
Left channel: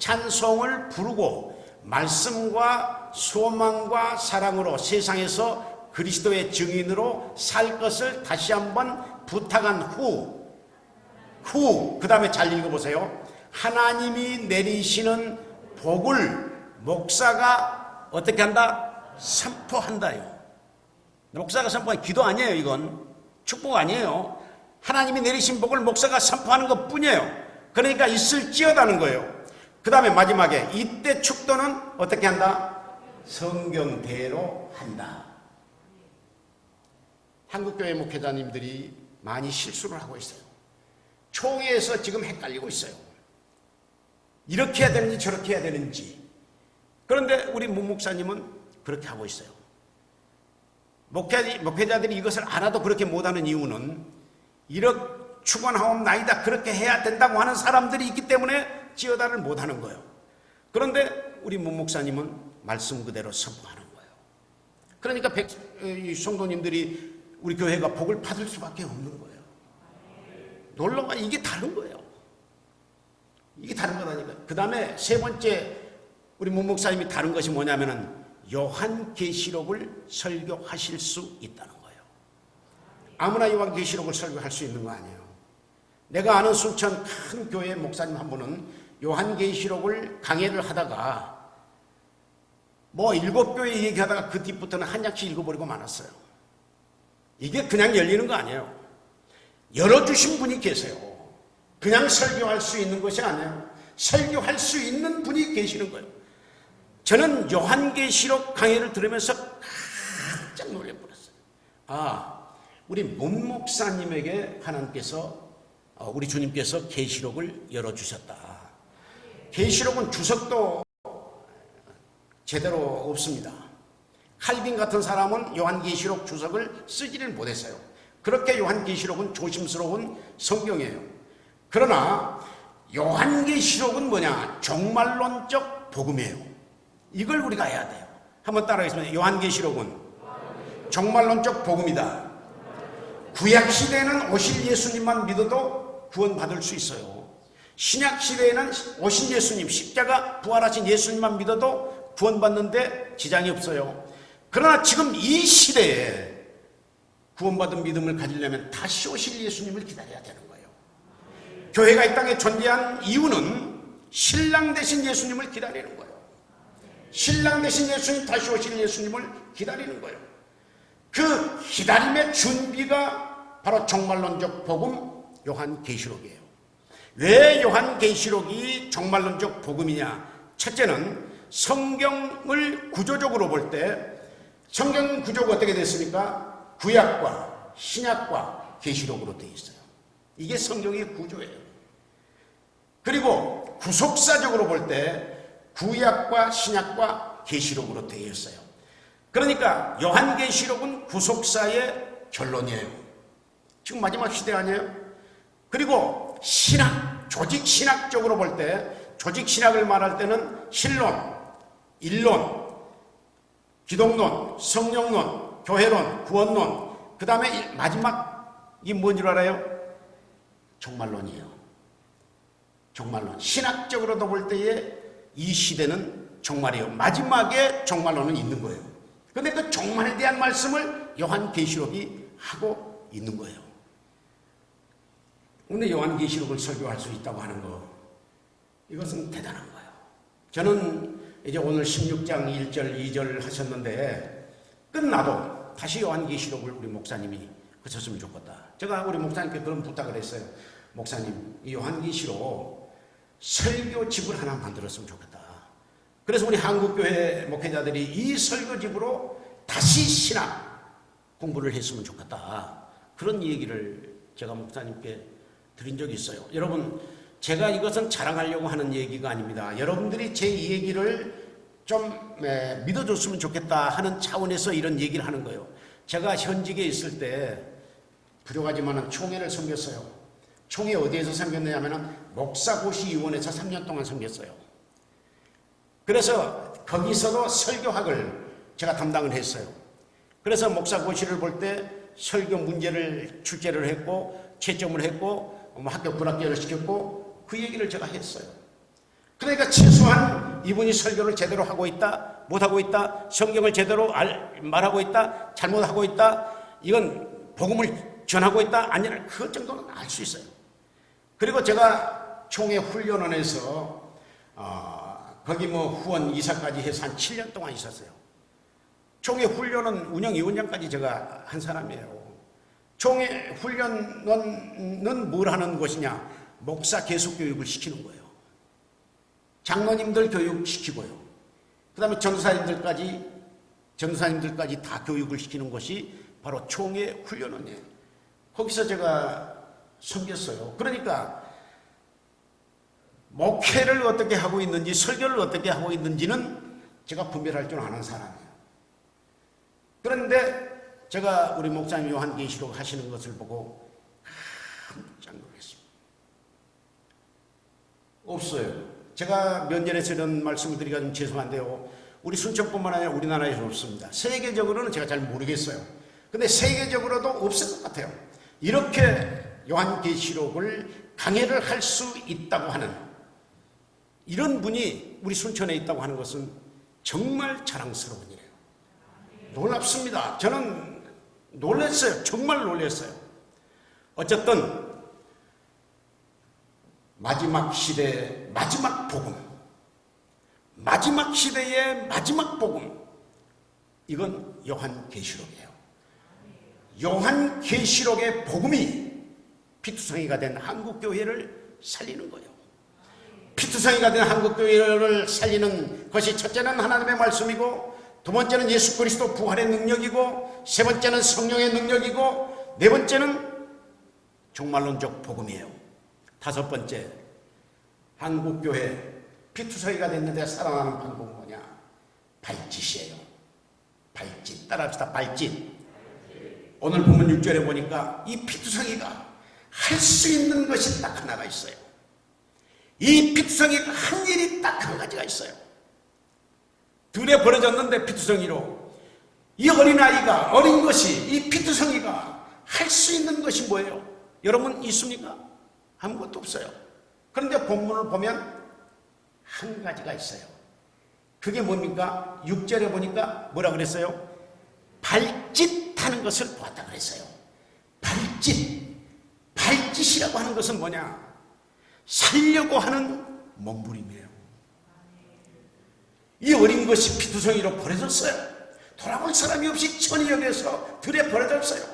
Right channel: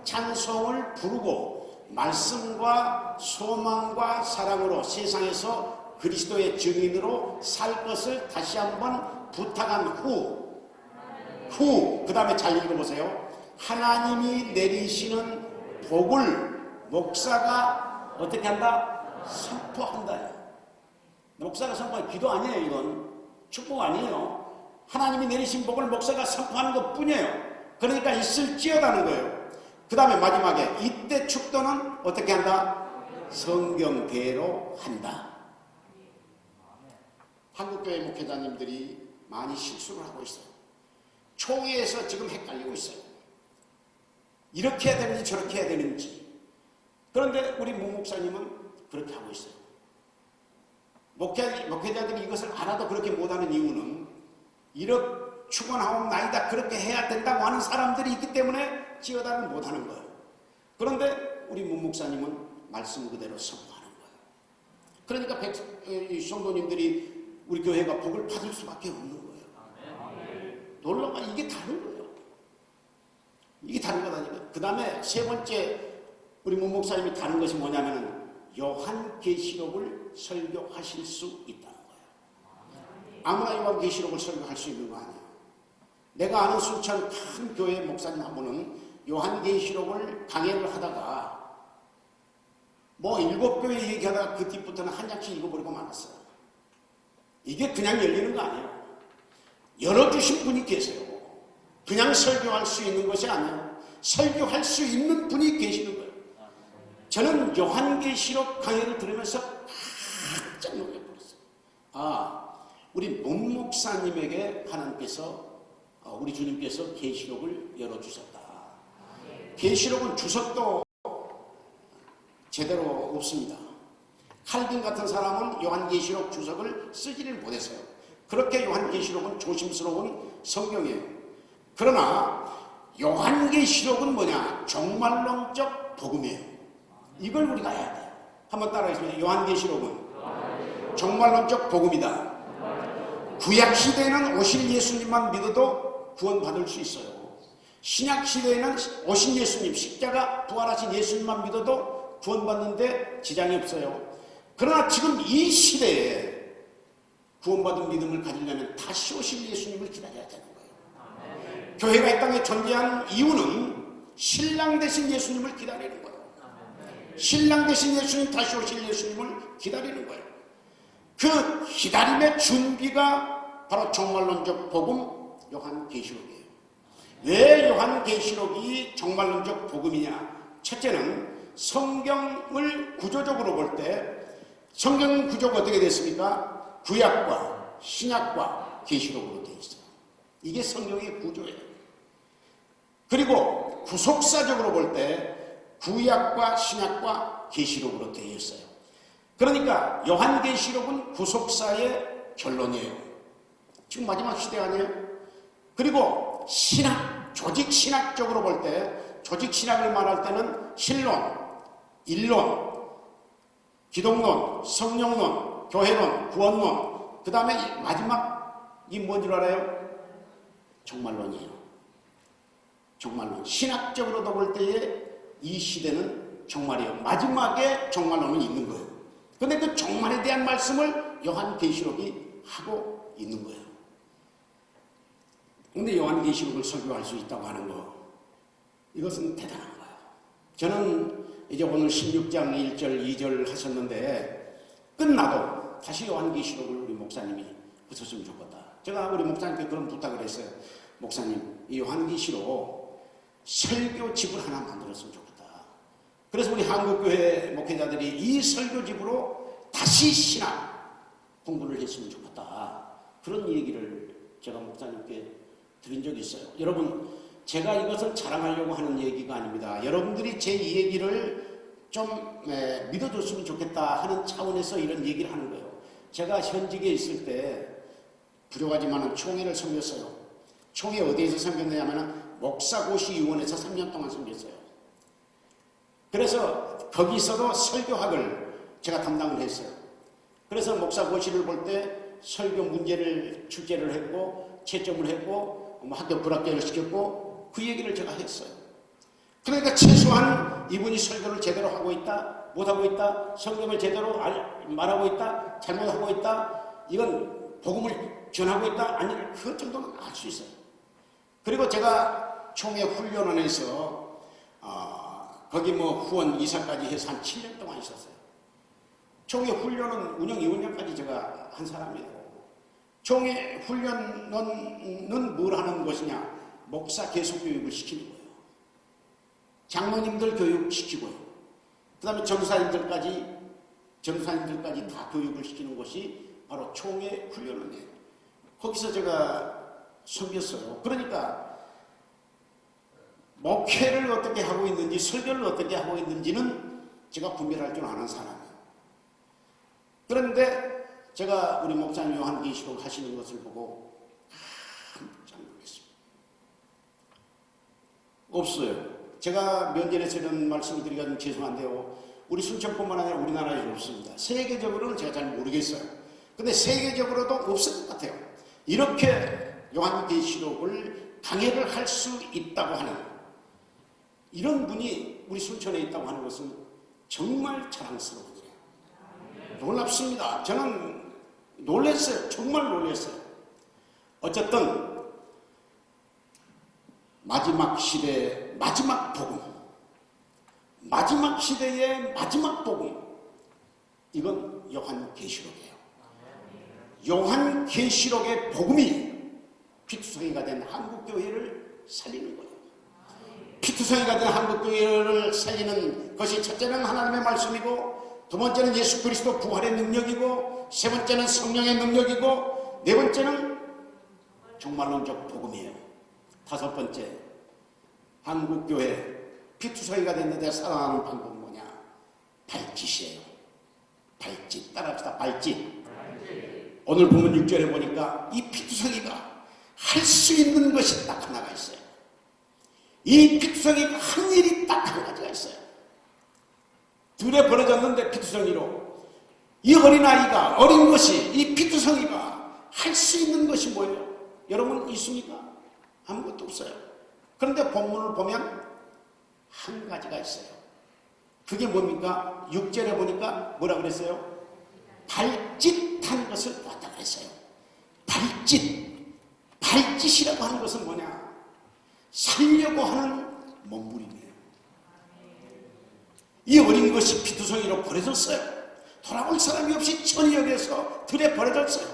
찬송을 부르고 말씀과 소망과 사랑으로 세상에서 그리스도의 증인으로 살 것을 다시 한번 부탁한 후 그 다음에 잘 읽어보세요. 하나님이 내리시는 복을 목사가 어떻게 한다? 선포한다. 목사가 선포한 기도 아니에요. 이건 축복 아니에요. 하나님이 내리신 복을 목사가 선포하는 것 뿐이에요. 그러니까 있을지어다는 거예요. 그 다음에 마지막에 이때 축도는 어떻게 한다? 성경대로 한다. 한국교회 목회자님들이 많이 실수를 하고 있어요. 총회에서 지금 헷갈리고 있어요. 이렇게 해야 되는지 저렇게 해야 되는지. 그런데 우리 문 목사님은 그렇게 하고 있어요. 목회자들이 이것을 알아도 그렇게 못하는 이유는 이런 축원하옵나이다 그렇게 해야 된다고 하는 사람들이 있기 때문에 지어다를 못하는 거예요. 그런데 우리 문 목사님은 말씀 그대로 선포하는 거예요. 그러니까 성도님들이 우리 교회가 복을 받을 수밖에 없는 거예요. 놀라워. 이게 다른 거예요. 이게 다른 거라니까요. 그 다음에 세 번째 우리 문 목사님이 다른 것이 뭐냐면은 요한계시록을 설교하실 수 있다는 거예요. 아무나 요한계시록을 설교할 수 있는 거 아니에요. 내가 아는 수천 큰 교회 목사님 한 분은 요한계시록을 강의를 하다가 뭐 7교회 얘기하다가 그 뒤부터는 한 장씩 읽어버리고 말았어요. 이게 그냥 열리는 거 아니에요. 열어주신 분이 계세요. 그냥 설교할 수 있는 것이 아니에요. 설교할 수 있는 분이 계시는 거예요. 저는 요한계시록 강의를 들으면서 깜짝 놀라버렸어요. 우리 문 목사님에게 하나님께서 우리 주님께서 계시록을 열어주셨다. 계시록은 주석도 제대로 없습니다. 칼빈 같은 사람은 요한계시록 주석을 쓰지를 못했어요. 그렇게 요한계시록은 조심스러운 성경이에요. 그러나 요한계시록은 뭐냐? 종말론적 복음이에요. 이걸 우리가 해야 돼. 한번 따라하겠습니다. 요한계시록은 종말론적 복음이다. 구약시대에는 오신 예수님만 믿어도 구원받을 수 있어요. 신약시대에는 오신 예수님, 십자가 부활하신 예수님만 믿어도 구원받는데 지장이 없어요. 그러나 지금 이 시대에 구원받은 믿음을 가지려면 다시 오실 예수님을 기다려야 되는 거예요. 교회가 이 땅에 존재한 이유는 신랑 되신 예수님을 기다리는 거예요. 신랑 되신 예수님, 다시 오실 예수님을 기다리는 거예요. 그 기다림의 준비가 바로 종말론적 복음 요한계시록이에요. 왜 요한계시록이 종말론적 복음이냐? 첫째는 성경을 구조적으로 볼 때 성경 구조가 어떻게 됐습니까? 구약과 신약과 계시록으로 되어 있어요. 이게 성경의 구조예요. 그리고 구속사적으로 볼 때 구약과 신약과 계시록으로 되어 있어요. 그러니까 요한계시록은 구속사의 결론이에요. 지금 마지막 시대 아니에요? 그리고 신학, 조직신학적으로 볼 때 조직신학을 말할 때는 신론, 일론, 기독론, 성령론, 교회론, 구원론, 그 다음에 마지막이 뭔 줄 알아요? 종말론이에요. 종말론. 신학적으로도 볼 때에 이 시대는 종말이에요. 마지막에 종말론은 있는 거예요. 그런데 그 종말에 대한 말씀을 요한계시록이 하고 있는 거예요. 근데 요한계시록을 설교할 수 있다고 하는 거, 이것은 대단한 거예요. 저는 이제 오늘 16장 1절 2절 하셨는데 끝나고 다시 요한계시록을 우리 목사님이 하셨으면 좋겠다. 제가 우리 목사님께 그런 부탁을 했어요. 목사님, 이 요한계시록 설교집을 하나 만들었으면 좋겠다. 그래서 우리 한국교회 목회자들이 이 설교집으로 다시 신학 공부를 했으면 좋겠다. 그런 얘기를 제가 목사님께 드린 적이 있어요. 여러분, 제가 이것은 자랑하려고 하는 얘기가 아닙니다. 여러분들이 제 이 얘기를 좀 믿어줬으면 좋겠다 하는 차원에서 이런 얘기를 하는 거예요. 제가 현직에 있을 때 부족하지만 총회를 섬겼어요. 총회 어디에서 섬겼냐면 목사고시위원회에서 3년 동안 섬겼어요. 그래서 거기서도 설교학을 제가 담당을 했어요. 그래서 목사고시를 볼 때 설교 문제를 출제를 했고 채점을 했고 학교 불합격을 시켰고 그 얘기를 제가 했어요. 그러니까 최소한 이분이 설교를 제대로 하고 있다, 못하고 있다, 성경을 제대로 말하고 있다, 잘못하고 있다, 이건 복음을 전하고 있다, 아니냐, 그 정도는 알 수 있어요. 그리고 제가 총회 훈련원에서 거기 후원 이사까지 해서 한 7년 동안 있었어요. 총회 훈련원 운영위원장까지 제가 한 사람이에요. 총회 훈련원은 뭘 하는 것이냐? 목사 계속 교육을 시키는 거예요. 장로님들 교육시키고요. 그 다음에 전사님들까지 다 교육을 시키는 것이 바로 총회 훈련원이에요. 거기서 제가 섬겼어요. 그러니까 목회를 어떻게 하고 있는지, 설교를 어떻게 하고 있는지는 제가 분별할 줄 아는 사람이에요. 그런데 제가 우리 목사님 요한계시록 하시는 것을 보고 깜짝 놀랐어요. 없어요. 제가 몇 년에 이런 말씀을 드리기가 좀 죄송한데요. 우리 순천뿐만 아니라 우리나라에 없습니다. 세계적으로는 제가 잘 모르겠어요. 근데 세계적으로도 없을 것 같아요. 이렇게 요한계시록을 강해를 할 수 있다고 하는 이런 분이 우리 순천에 있다고 하는 것은 정말 자랑스러운 일이에요. 놀랍습니다. 저는 놀랐어요. 정말 놀랐어요. 어쨌든 마지막 시대의 마지막 복음, 마지막 시대의 마지막 복음, 이건 요한계시록이에요. 요한계시록의 복음이 피투성이가 된 한국교회를 살리는 거예요. 피투성이가 된 한국교회를 살리는 것이 첫째는 하나님의 말씀이고, 두 번째는 예수 그리스도 부활의 능력이고, 세 번째는 성령의 능력이고, 네 번째는 종말론적 복음이에요. 다섯 번째, 한국교회 피투성이가 됐는데 살아나는 방법은 뭐냐? 발짓이에요. 발짓. 따라합시다. 발짓. 오늘 보면 6절에 보니까 이 피투성이가 할 수 있는 것이 딱 하나가 있어요. 이 피투성이가 한 일이 딱 한 가지가 있어요. 등에 벌어졌는데 피투성이로 이 어린아이가, 어린 것이, 이 피투성이가 할 수 있는 것이 뭐예요? 여러분 있습니까? 아무것도 없어요. 그런데 본문을 보면 한 가지가 있어요. 그게 뭡니까? 6절에 보니까 뭐라 그랬어요? 발짓하는 것을 보았다 그랬어요. 발짓. 발짓이라고 하는 것은 뭐냐? 살려고 하는 몸부림이에요. 이 어린 것이 피투성이로 버려졌어요. 돌아온 사람이 없이 천년에서 들에 버려졌어요.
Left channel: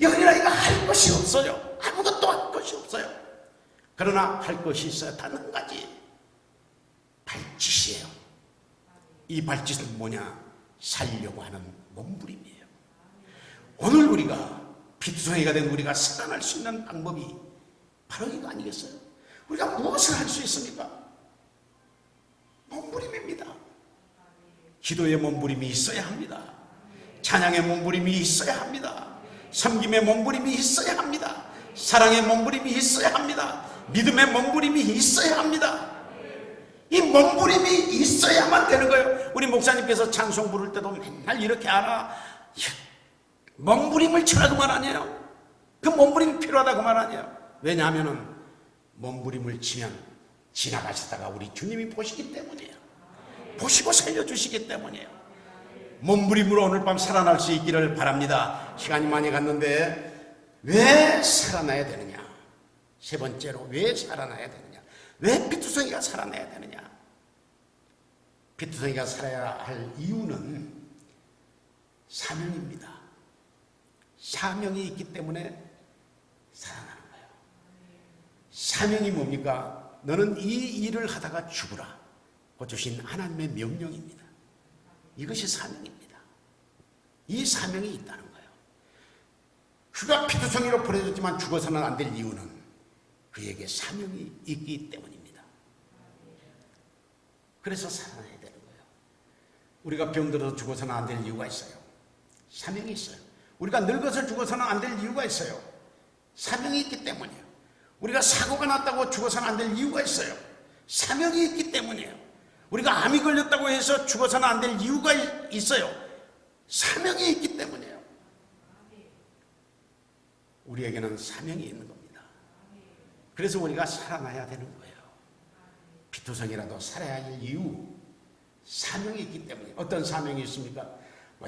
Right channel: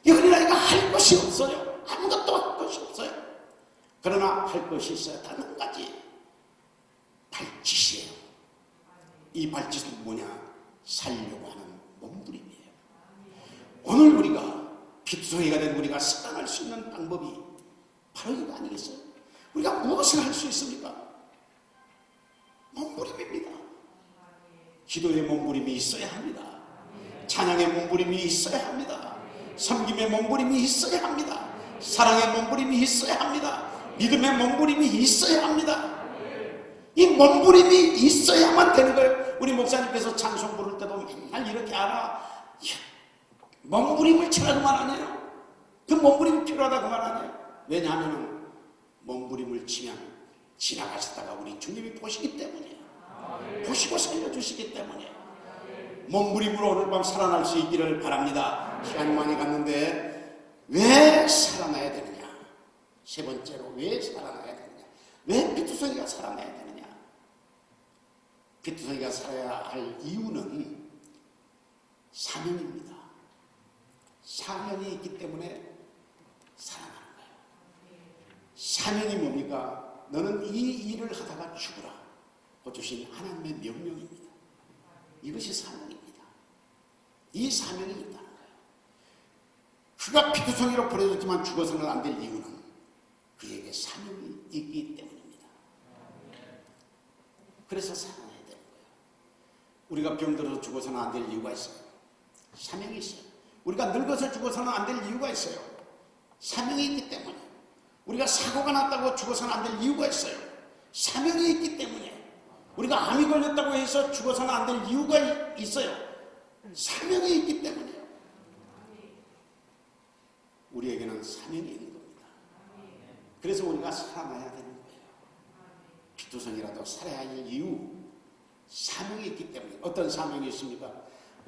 이 어린아이가 할 것이 없어요. 아무것도 할 것이 없어요. 그러나 할 것이 있어요. 단 한 가지. 발짓이에요. 이 발짓은 뭐냐? 살려고 하는 몸부림이에요. 오늘 우리가 피투성이가 된 우리가 살아날 수 있는 방법이 바로 이거 아니겠어요? 우리가 무엇을 할 수 있습니까? 몸부림입니다. 기도의 몸부림이 있어야 합니다. 찬양의 몸부림이 있어야 합니다. 섬김의 몸부림이 있어야 합니다. 사랑의 몸부림이 있어야 합니다. 믿음의 몸부림이 있어야 합니다. 이 몸부림이 있어야만 되는 거예요. 우리 목사님께서 찬송 부를 때도 맨날 이렇게 하나 몸부림을 쳐라고 말 아니에요. 그 몸부림이 필요하다고 말 아니에요. 왜냐하면 몸부림을 지나가시다가 우리 주님이 보시기 때문이에요. 보시고 살려주시기 때문이에요. 몸부림으로 오늘 밤 살아날 수 있기를 바랍니다. 시간이 많이 갔는데 왜 살아나야 되느냐? 세 번째로 왜 살아나야 되느냐? 왜 피투성이가 살아나야 되느냐? 피투성이가 살아야 할 이유는 사명입니다. 사명이 있기 때문에 살아나는 거예요. 사명이 뭡니까? 너는 이 일을 하다가 죽으라. 그 주신 하나님의 명령입니다. 이것이 사명입니다. 이 사명이 있다는 거예요. 그가 피투성이로 버려졌지만 죽어서는 안 될 이유는 그에게 사명이 있기 때문입니다. 그래서 살아나야 되는 거예요. 우리가 병들어서 죽어서는 안 될 이유가 있어요. 사명이 있어요. 우리가 늙어서 죽어서는 안 될 이유가 있어요. 사명이 있기 때문이에요. 우리가 사고가 났다고 죽어서는 안 될 이유가 있어요. 사명이 있기 때문이에요. 우리가 암이 걸렸다고 해서 죽어서는 안 될 이유가 있어요. 사명이 있기 때문이에요. 우리에게는 사명이 있는 겁니다. 그래서 우리가 살아나야 되는 거예요. 피투성이라도 살아야 할 이유, 사명이 있기 때문에. 어떤 사명이 있습니까?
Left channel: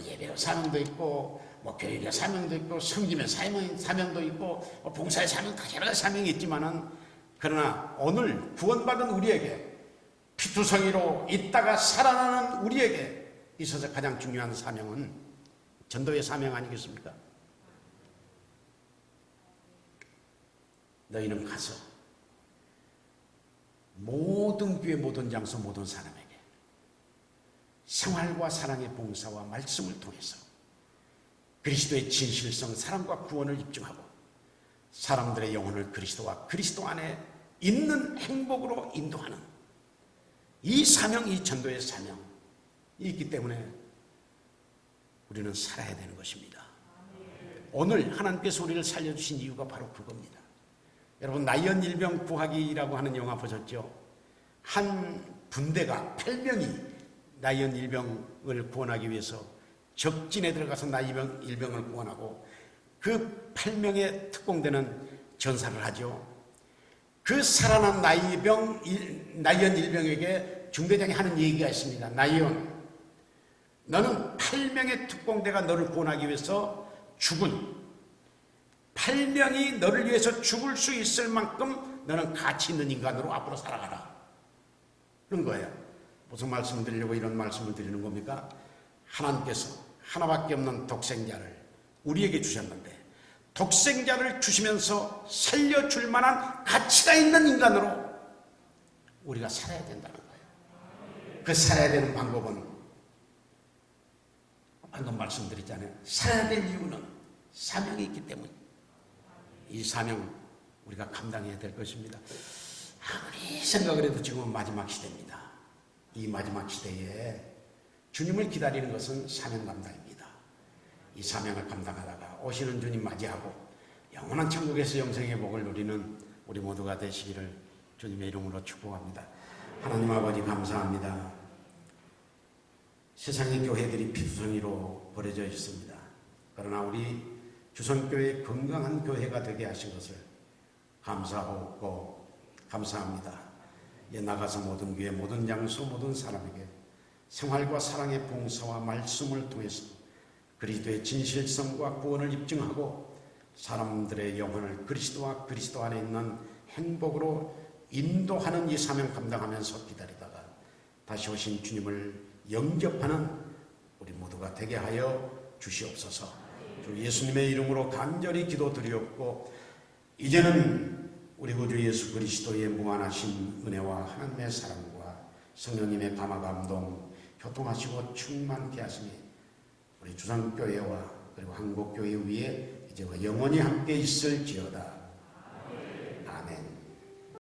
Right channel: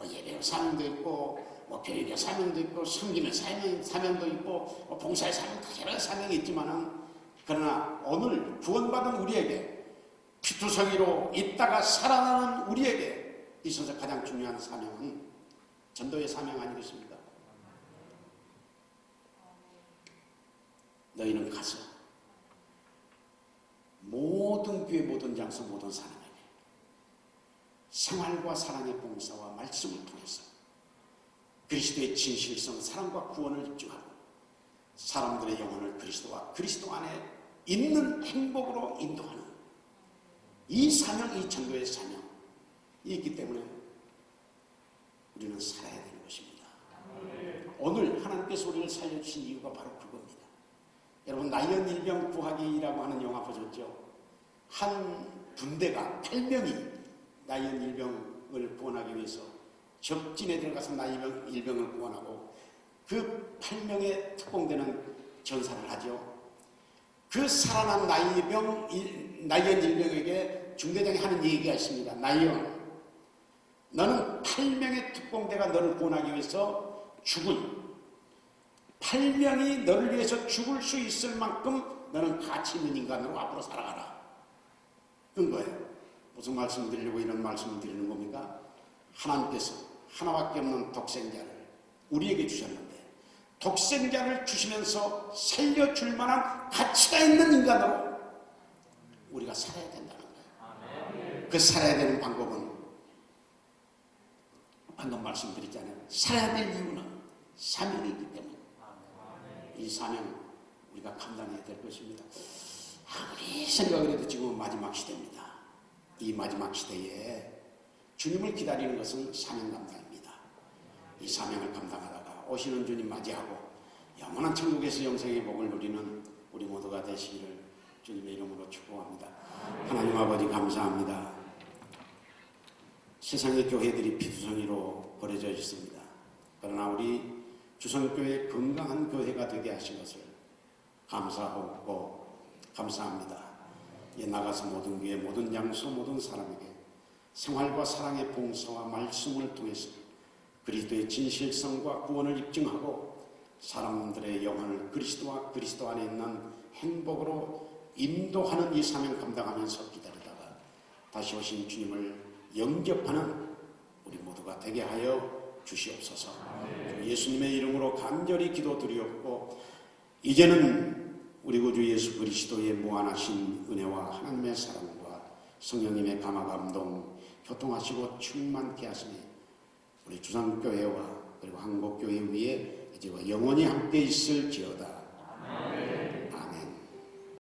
예배의 사명도 있고, 교회의 사명도 있고, 섬김의 사명도 있고, 봉사의 사명, 여러 가지 사명이 있지만은, 그러나 오늘 구원받은 우리에게, 피투성이로 있다가 살아나는 우리에게 있어서 가장 중요한 사명은 전도의 사명 아니겠습니까? 너희는 가서 모든 교회, 모든 장소, 모든 사람에게 생활과 사랑의 봉사와 말씀을 통해서 그리스도의 진실성, 사랑과 구원을 입증하고 사람들의 영혼을 그리스도와 그리스도 안에 있는 행복으로 인도하는 이 사명, 이 전도의 사명이 있기 때문에 우리는 살아야 되는 것입니다. 오늘 하나님께서 우리를 살려주신 이유가 바로 그겁니다. 여러분, 나이언 일병 구하기라고 하는 영화 보셨죠? 한 부대가 8명이 나이언 일병을 구원하기 위해서 적진에 들어가서 나이언 일병을 구원하고 그 8명의 특공대는 전사를 하죠. 그 살아난 나이언 일병에게 중대장이 하는 얘기가 있습니다. 나이언, 너는 8명의 특공대가 너를 구원하기 위해서 죽은 8명이 너를 위해서 죽을 수 있을 만큼 너는 가치 있는 인간으로 앞으로 살아가라. 그런 거예요. 무슨 말씀을 드리려고 이런 말씀을 드리는 겁니까? 하나님께서 하나밖에 없는 독생자를 우리에게 주셨는데 독생자를 주시면서 살려줄 만한 가치가 있는 인간으로 우리가 살아야 된다는 거예요. 그 살아야 되는 방법은 방금 말씀드렸잖아요. 살아야 될 이유는 사명이 있기 때문에 이 사명 우리가 감당해야 될 것입니다. 아무리 생각을 해도 지금은 마지막 시대입니다. 이 마지막 시대에 주님을 기다리는 것은 사명 감당입니다. 이 사명을 감당하다가 오시는 주님 맞이하고 영원한 천국에서 영생의 복을 누리는 우리 모두가 되시기를 주님의 이름으로 축복합니다. 하나님 아버지 감사합니다. 세상의 교회들이 피투성이로 버려져 있습니다. 그러나 우리 주선교회 건강한 교회가 되게 하신 것을 감사하고 감사합니다. 이제 나가서 모든 교회, 모든 장소, 모든 사람에게 생활과 사랑의 봉사와 말씀을 통해서 그리스도의 진실성과 구원을 입증하고 사람들의 영혼을 그리스도와 그리스도 안에 있는 행복으로 인도하는 이 사명을 감당하면서 기다리다가 다시 오신 주님을 영접하는 우리 모두가 되게 하여 주시옵소서. 예수님의 이름으로 간절히 기도드렸고 이제는 우리 구주 예수 그리스도의 무한하신 은혜와 하나님의 사랑과 성령님의 감화 감동 교통하시고 충만케 하시니 우리 주상교회와 그리고 한국교회 위에 이제 영원히 함께 있을지어다.